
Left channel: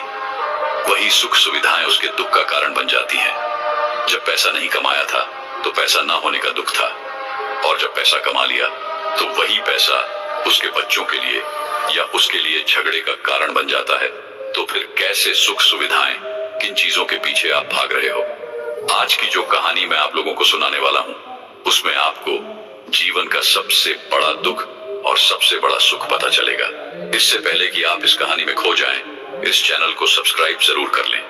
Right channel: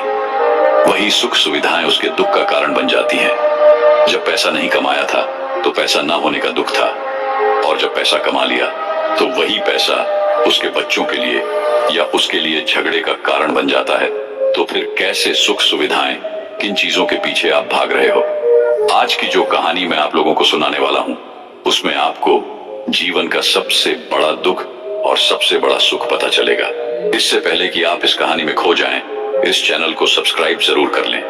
वही सुख सुविधाएं उसके दुख का कारण बन जाती हैं। जब पैसा नहीं कमाया था तो पैसा ना होने का दुख था, और जब पैसा कमा लिया तो वही पैसा उसके बच्चों के लिए या उसके लिए झगड़े का कारण बन जाता है। तो फिर कैसे सुख सुविधाएं, किन चीजों के पीछे आप भाग रहे हो? आज की जो कहानी मैं आप लोगों को सुनाने वाला हूं, उसमें आपको जीवन का सबसे बड़ा दुख और सबसे बड़ा सुख पता चलेगा। इससे पहले कि आप इस कहानी में खो जाएं, इस चैनल को सब्सक्राइब जरूर कर लें।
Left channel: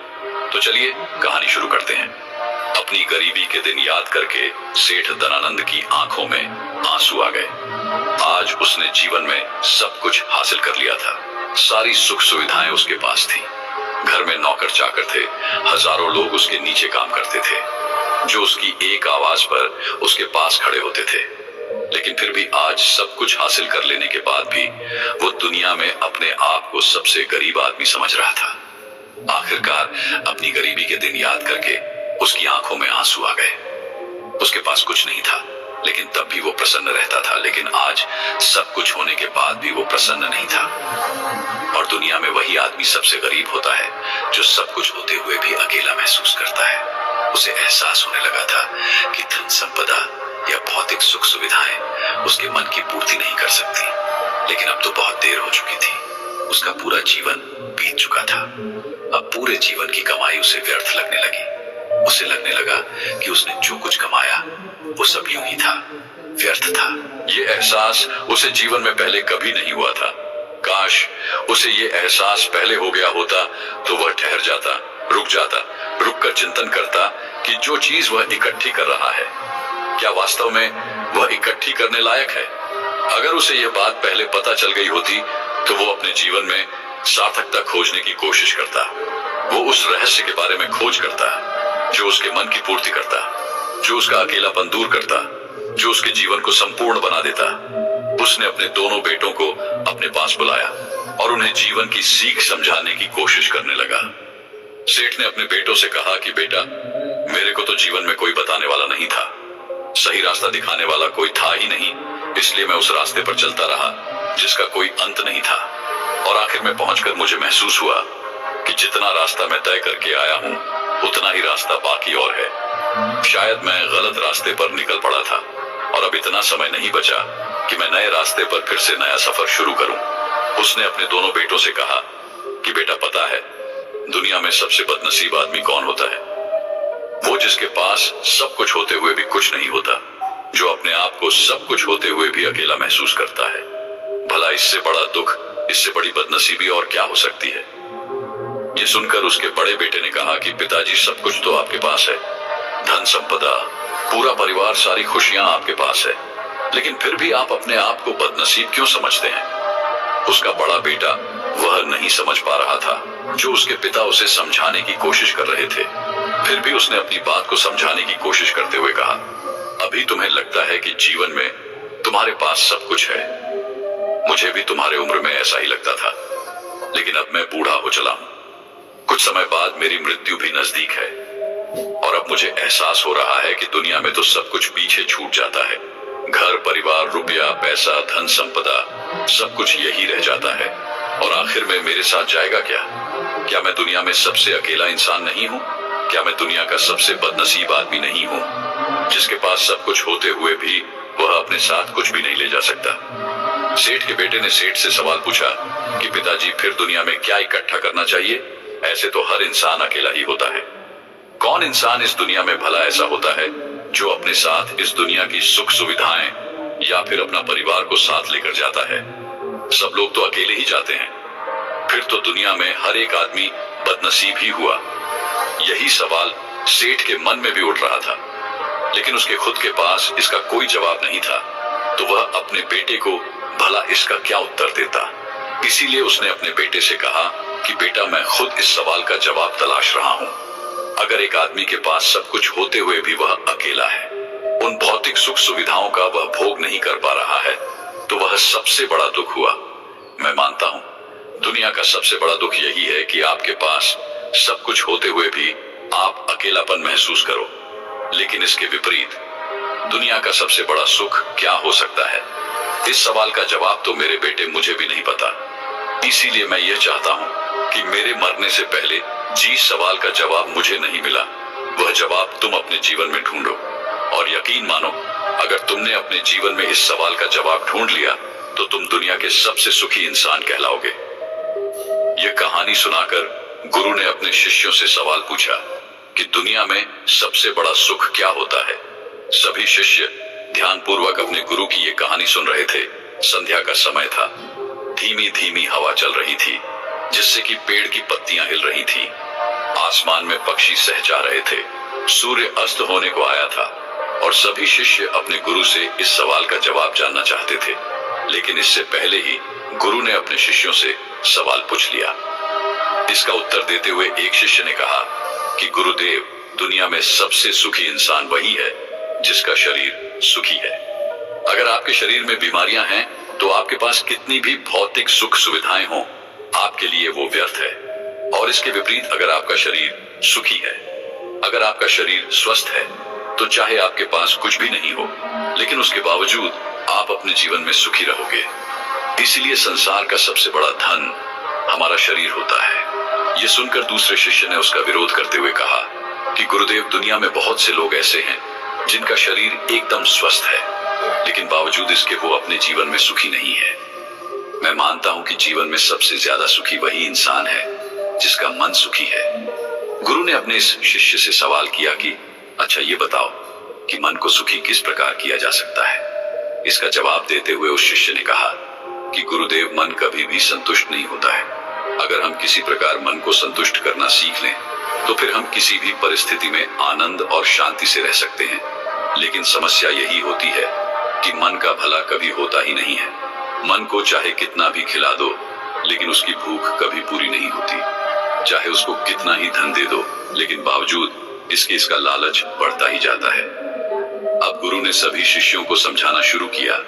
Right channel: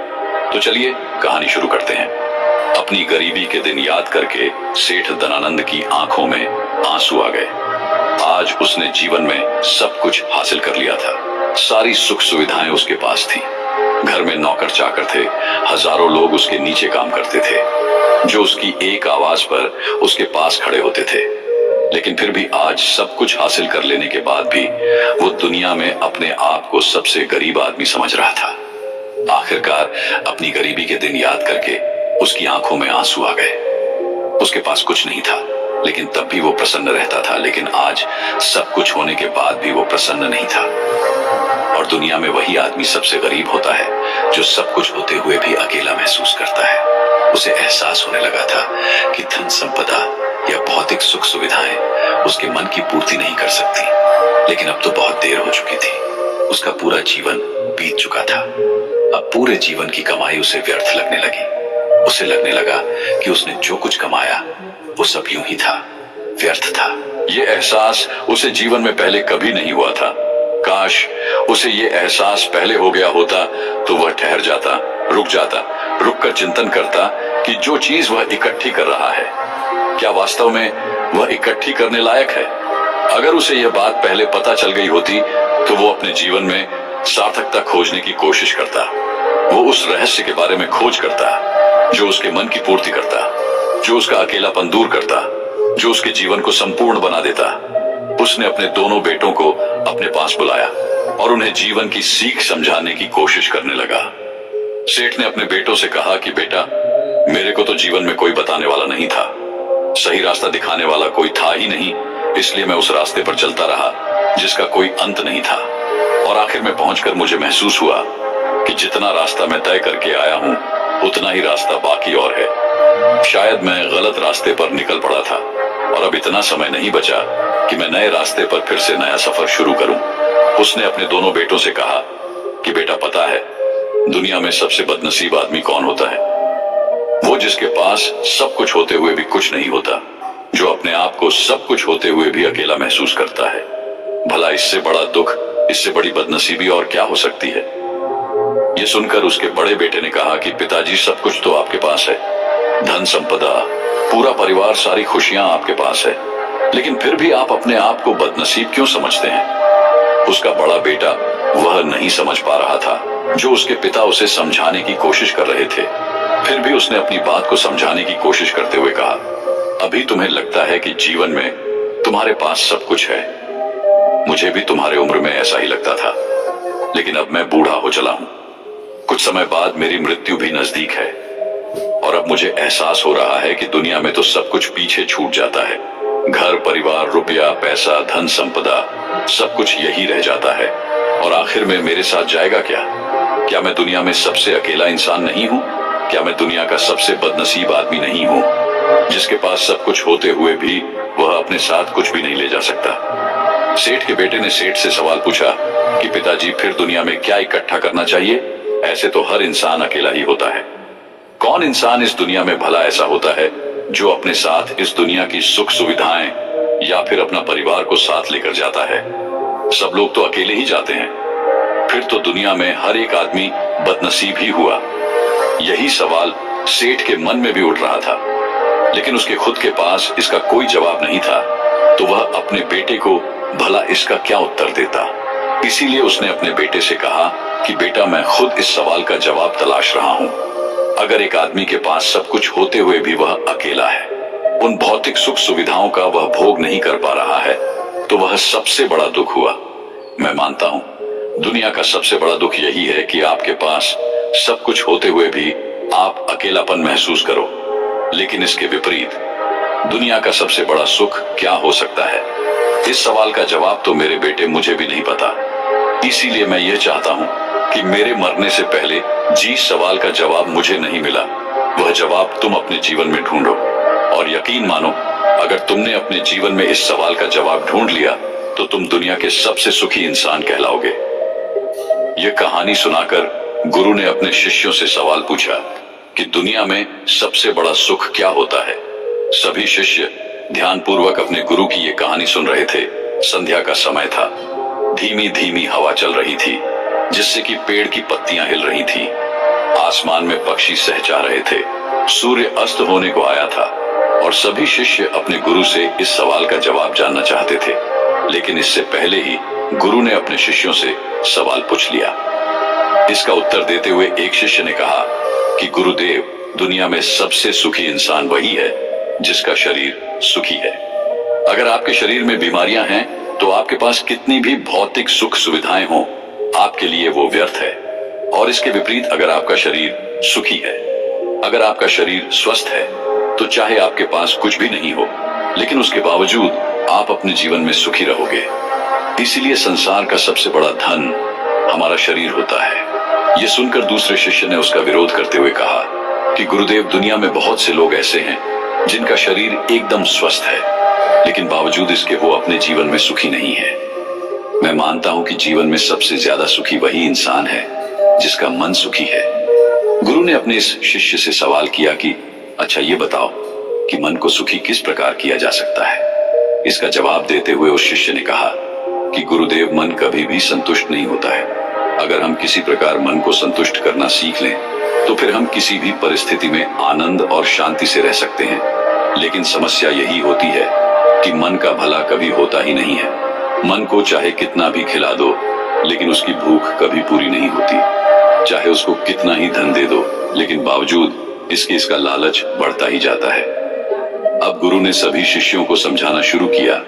तो चलिए कहानी शुरू करते हैं। अपनी गरीबी के दिन याद करके सेठ धनानंद की आंखों में आंसू आ गए। आज उसने जीवन में सब कुछ हासिल कर लिया था। सारी सुख सुविधाएं उसके पास थी। घर में नौकर चाकर थे, हजारों लोग उसके नीचे काम करते थे, जो उसकी एक आवाज पर उसके पास खड़े होते थे। लेकिन फिर भी आज सब कुछ हासिल कर लेने के बाद भी वो दुनिया में अपने आप को सबसे गरीब आदमी समझ रहा था। आखिरकार अपनी गरीबी के दिन याद करके उसकी आंखों में आंसू आ गए। उसके पास कुछ नहीं था, लेकिन तब भी वो प्रसन्न रहता था। लेकिन आज सब कुछ होने के बाद भी वो प्रसन्न नहीं था। और दुनिया में वही आदमी सबसे गरीब होता है जो सब कुछ होते हुए भी अकेला महसूस करता है। उसे एहसास होने लगा था कि धन संपदा या भौतिक सुख सुविधाएं उसके मन की पूर्ति नहीं कर सकती। लेकिन अब तो बहुत देर हो चुकी थी। उसका पूरा जीवन बीत चुका था। अब पूरे जीवन की कमाई उसे व्यर्थ लगने लगी। उसे लगने लगा कि उसने जो कुछ कमाया वो सब यूं ही था, व्यर्थ था। ये एहसास उसे जीवन में पहले कभी नहीं हुआ था। काश उसे ये एहसास पहले हो गया होता तो वह ठहर जाता, रुक जाता, रुककर चिंतन करता कि जो चीज वह इकट्ठी कर रहा है, क्या वास्तव में वह इकट्ठी करने लायक है? अगर उसे यह बात पहले पता चल गई होती तो वो अपने जीवन में सार्थकता खोजने की कोशिश करता। वो उस रहस्य के बारे में खोज करता जो उसके मन की पूर्ति करता, जो उसका अकेलापन दूर करता, जो उसके जीवन को संपूर्ण बना देता। उसने अपने दोनों बेटों को अपने पास बुलाया और उन्हें जीवन की सीख समझाने की कोशिश करने लगा। सेठ ने अपने बेटों से कहा कि बेटा, मेरे को तो जीवन में कोई बताने वाला नहीं था, सही रास्ता दिखाने वाला कोई था ही नहीं, इसलिए मैं उस रास्ते पर चलता रहा जिसका कोई अंत नहीं था। और आखिर में पहुंचकर मुझे महसूस हुआ कि जितना रास्ता मैं तय करके आया हूं उतना ही रास्ता बाकी और है। शायद मैं गलत रास्ते पर निकल पड़ा था और अब इतना समय नहीं बचा कि मैं नए रास्ते पर फिर से नया सफर शुरू करूं। उसने अपने दोनों बेटों से कहा कि बेटा, पता है दुनिया में सबसे बदनसीब आदमी कौन होता है? वो जिसके पास सब कुछ होते हुए भी कुछ नहीं होता, जो अपने आप को सब कुछ होते हुए भी अकेला महसूस करता है। भला इससे बड़ा दुख, इससे बड़ी बदनसीबी और क्या हो सकती है? ये सुनकर उसके बड़े बेटे ने कहा कि पिताजी, सब कुछ तो आपके पास है, धन संपदा, पूरा परिवार, सारी खुशियां आपके पास है, लेकिन फिर भी आप अपने आप को बदनसीब क्यों समझते हैं? उसका बड़ा बेटा वह नहीं समझ पा रहा था जो उसके पिता उसे समझाने की कोशिश कर रहे थे। फिर भी उसने अपनी बात को समझाने की कोशिश करते हुए कहा, अभी तुम्हें लगता है कि जीवन में तुम्हारे पास सब कुछ है। मुझे भी तुम्हारे उम्र में ऐसा ही लगता था, लेकिन अब मैं बूढ़ा हो चला हूं। कुछ समय बाद मेरी मृत्यु भी नजदीक है और अब मुझे एहसास हो रहा है कि दुनिया में तो सब कुछ पीछे छूट जाता है। घर, परिवार, रुपया, पैसा, धन संपदा, सब कुछ यही रह जाता है और आखिर में मेरे साथ जाएगा क्या? क्या मैं दुनिया में सबसे अकेला इंसान नहीं हूं? क्या मैं दुनिया का सबसे बदनसीब आदमी नहीं हूं, जिसके पास सब कुछ होते हुए भी वह अपने साथ कुछ भी नहीं ले जा सकता? सेठ के बेटे ने सेठ से सवाल पूछा कि पिताजी, फिर दुनिया में क्या इकट्ठा करना चाहिए? ऐसे तो हर इंसान अकेला ही होता है। कौन इंसान इस दुनिया में भला ऐसा होता है जो अपने साथ इस दुनिया की सुख सुविधाएं या फिर अपना परिवार को साथ लेकर जाता है? सब लोग तो अकेले ही जाते हैं। फिर तो दुनिया में हर एक आदमी बदनसीब ही हुआ। यही सवाल सेठ के मन में भी उठ रहा था, लेकिन उसके खुद के पास इसका कोई जवाब नहीं था, तो वह अपने बेटे को भला इसका क्या उत्तर देता। इसीलिए उसने अपने बेटे से कहा कि बेटा, मैं खुद इस सवाल का जवाब तलाश रहा हूं। अगर एक आदमी के पास सब कुछ होते हुए भी वह अकेला है, उन भौतिक सुख सुविधाओं का वह भोग नहीं कर पा रहा है, तो वह सबसे बड़ा दुख हुआ। मैं मानता हूं दुनिया का सबसे बड़ा दुख यही है कि आपके पास सब कुछ होते हुए भी आप अकेलापन महसूस करो। लेकिन इसके विपरीत दुनिया का सबसे बड़ा सुख क्या हो सकता है? इस सवाल का जवाब तो मेरे बेटे मुझे भी नहीं पता। इसीलिए मैं यह चाहता हूं कि मेरे मरने से पहले जिस सवाल का जवाब मुझे नहीं मिला, वह जवाब तुम अपने जीवन में ढूंढो। और यकीन मानो, अगर तुमने अपने जीवन में इस सवाल का जवाब ढूंढ लिया तो तुम दुनिया के सबसे सुखी इंसान कहलाओगे। यह कहानी सुनाकर गुरु ने अपने शिष्यों से सवाल पूछा कि दुनिया में सबसे बड़ा सुख क्या होता है? सभी शिष्य ध्यानपूर्वक अपने गुरु की यह कहानी सुन रहे थे। संध्या का समय था। धीमी धीमी हवा चल रही थी, जिससे कि पेड़ की पत्तियां हिल रही थी। आसमान में पक्षी सहचा रहे थे। सूर्य अस्त होने को आया था और सभी शिष्य अपने गुरु से इस सवाल का जवाब जानना चाहते थे। लेकिन इससे पहले ही गुरु ने अपने शिष्यों से सवाल पूछ लिया। इसका उत्तर देते हुए एक शिष्य ने कहा कि गुरुदेव, दुनिया में सबसे सुखी इंसान वही है जिसका शरीर सुखी है। अगर आपके शरीर में बीमारियां हैं तो आपके पास कितनी भी भौतिक सुख सुविधाएं हों, आपके लिए वो व्यर्थ है। और इसके विपरीत अगर आपका शरीर सुखी है, अगर आपका शरीर स्वस्थ है, तो चाहे आपके पास कुछ भी नहीं हो, लेकिन उसके बावजूद आप अपने जीवन में सुखी रहोगे। इसीलिए संसार का सबसे बड़ा धन हमारा शरीर होता है। यह सुनकर दूसरे शिष्य ने उसका विरोध करते हुए कहा कि गुरुदेव, दुनिया में बहुत से लोग ऐसे हैं जिनका शरीर एकदम स्वस्थ है, लेकिन बावजूद इसके वो अपने जीवन में सुखी नहीं है। मैं मानता हूं कि जीवन में सबसे ज्यादा सुखी वही इंसान है जिसका मन सुखी है। गुरु ने अपने इस शिष्य से सवाल किया कि अच्छा ये बताओ कि मन को सुखी किस प्रकार किया जा सकता है। इसका जवाब देते हुए उस शिष्य ने कहा कि गुरुदेव, मन कभी भी संतुष्ट नहीं होता है। अगर हम किसी प्रकार मन को संतुष्ट करना सीख लें तो फिर हम किसी भी परिस्थिति में आनंद और शांति से रह सकते हैं। लेकिन समस्या यही होती है कि मन का भला कभी होता ही नहीं है। मन को चाहे कितना भी खिला दो, लेकिन उसकी भूख कभी पूरी नहीं होती। चाहे उसको कितना ही धन दे दो, लेकिन बावजूद इसका लालच बढ़ता ही जाता है। अब गुरु ने सभी शिष्यों को समझाना शुरू किया।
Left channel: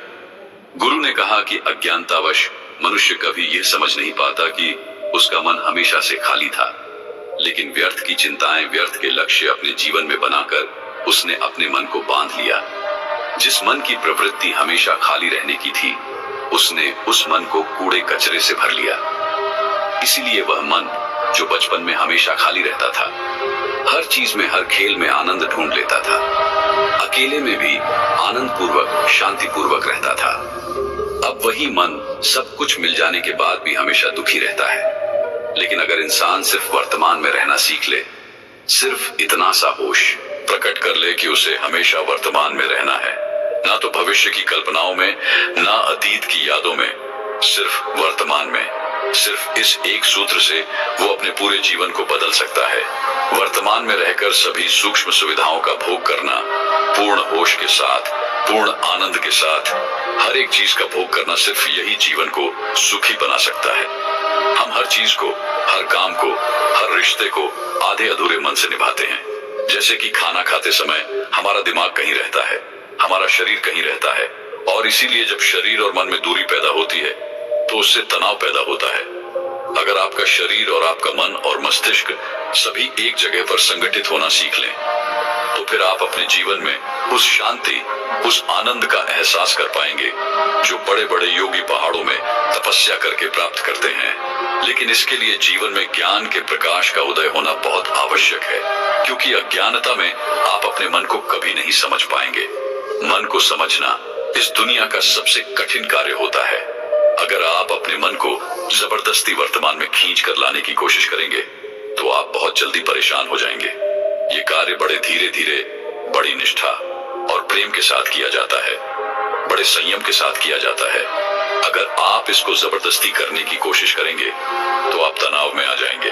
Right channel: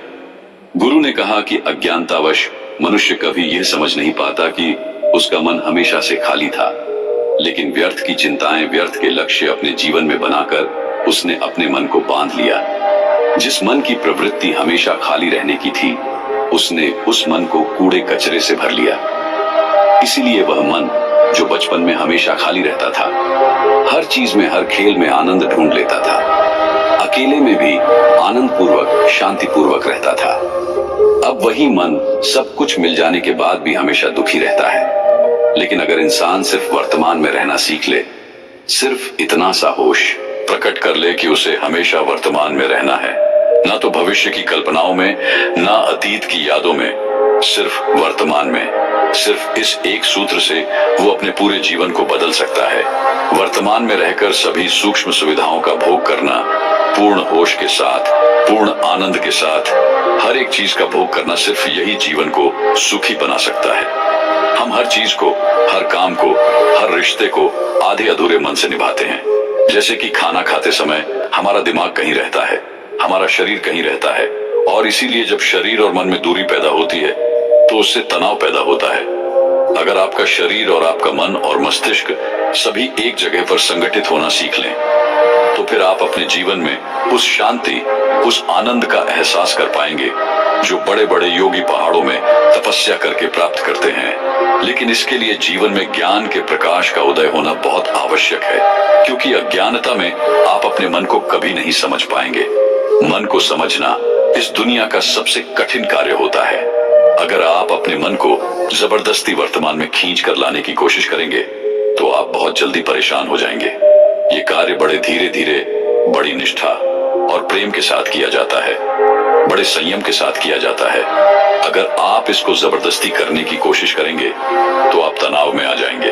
गुरु ने कहा कि अज्ञानतावश मनुष्य कभी यह समझ नहीं पाता कि उसका मन हमेशा से खाली था, लेकिन व्यर्थ की चिंताएं, व्यर्थ के लक्ष्य अपने जीवन में बनाकर उसने अपने मन को बांध लिया। जिस मन की प्रवृत्ति हमेशा खाली रहने की थी, उसने उस मन को कूड़े कचरे से भर लिया। इसीलिए वह मन जो बचपन में हमेशा खाली रहता था, हर चीज में, हर खेल में आनंद ढूंढ लेता था। अकेले में भी आनंद पूर्वक, शांति पूर्वक रहता था। अब वही मन सब कुछ मिल जाने के बाद भी हमेशा दुखी रहता है। लेकिन अगर इंसान सिर्फ वर्तमान में रहना सीख ले, सिर्फ इतना सा होश प्रकट कर ले कि उसे हमेशा वर्तमान में रहना है, ना तो भविष्य की कल्पनाओं में, ना अतीत की यादों में, सिर्फ वर्तमान में, सिर्फ इस एक सूत्र से वो अपने पूरे जीवन को बदल सकता है। वर्तमान में रहकर सभी सूक्ष्म सुविधाओं का भोग करना, पूर्ण होश के साथ, पूर्ण आनंद के साथ हर एक चीज का भोग करना, सिर्फ यही जीवन को सुखी बना सकता है। हम हर चीज को, हर काम को, हर रिश्ते को आधे अधूरे मन से निभाते हैं। जैसे कि खाना खाते समय हमारा दिमाग कहीं रहता है, हमारा शरीर कहीं रहता है, और इसीलिए जब शरीर और मन में दूरी पैदा होती है तो उससे तनाव पैदा होता है। अगर आपका शरीर और आपका मन और मस्तिष्क सभी एक जगह पर संगठित होना सीख लें, तो फिर आप अपने जीवन में उस शांति, उस आनंद का एहसास कर पाएंगे जो बड़े बड़े योगी पहाड़ों में तपस्या करके प्राप्त करते हैं। लेकिन इसके लिए जीवन में ज्ञान के प्रकाश का उदय होना बहुत आवश्यक है, क्योंकि अज्ञानता में आप अपने मन को कभी नहीं समझ पाएंगे। मन को समझना इस दुनिया का सबसे कठिन कार्य होता है। अगर आप अपने मन को जबरदस्ती वर्तमान में खींच कर लाने की कोशिश करेंगे तो आप बहुत जल्दी परेशान हो जाएंगे। ये कार्य बड़े धीरे धीरे, बड़ी निष्ठा और प्रेम के साथ किया जाता है, बड़े संयम के साथ किया जाता है। अगर आप इसको जबरदस्ती करने की कोशिश करेंगे तो आप तनाव में आ जाएंगे,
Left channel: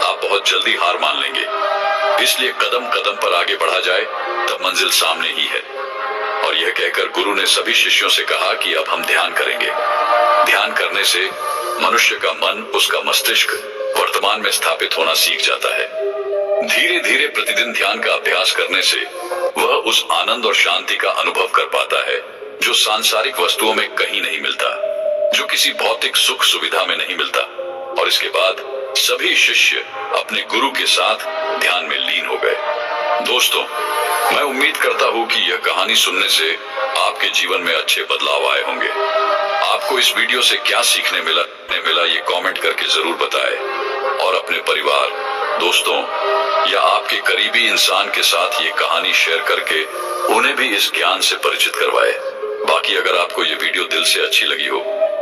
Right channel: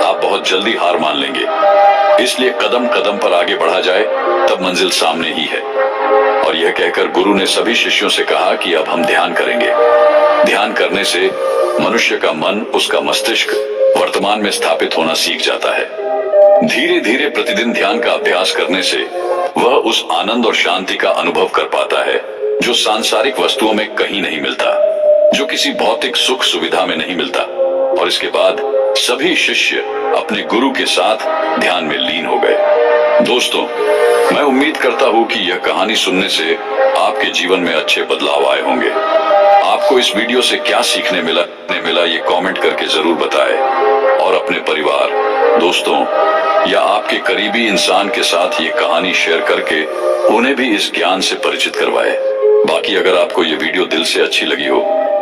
आप बहुत जल्दी हार मान लेंगे। इसलिए कदम कदम पर आगे बढ़ा जाए तब मंजिल सामने ही है। और यह कहकर गुरु ने सभी शिष्यों से कहा कि अब हम ध्यान करेंगे। ध्यान करने से मनुष्य का मन, उसका मस्तिष्क वर्तमान में स्थापित होना सीख जाता है। धीरे धीरे प्रतिदिन ध्यान का अभ्यास करने से वह उस आनंद और शांति का अनुभव कर पाता है जो सांसारिक वस्तुओं में कहीं नहीं मिलता, जो किसी भौतिक सुख सुविधा में नहीं मिलता। और इसके बाद सभी शिष्य अपने गुरु के साथ ध्यान में लीन हो गए। दोस्तों, मैं उम्मीद करता हूं कि यह कहानी सुनने से आपके जीवन में अच्छे बदलाव आए होंगे। आपको इस वीडियो से क्या सीखने मिला ये कमेंट करके जरूर बताएं, और अपने परिवार, दोस्तों या आपके करीबी इंसान के साथ ये कहानी शेयर करके उन्हें भी इस ज्ञान से परिचित करवाएं। बाकी अगर आपको ये वीडियो दिल से अच्छी लगी हो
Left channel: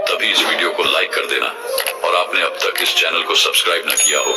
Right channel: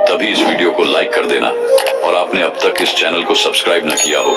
तभी इस वीडियो को लाइक कर देना, और आपने अब तक इस चैनल को सब्सक्राइब न किया हो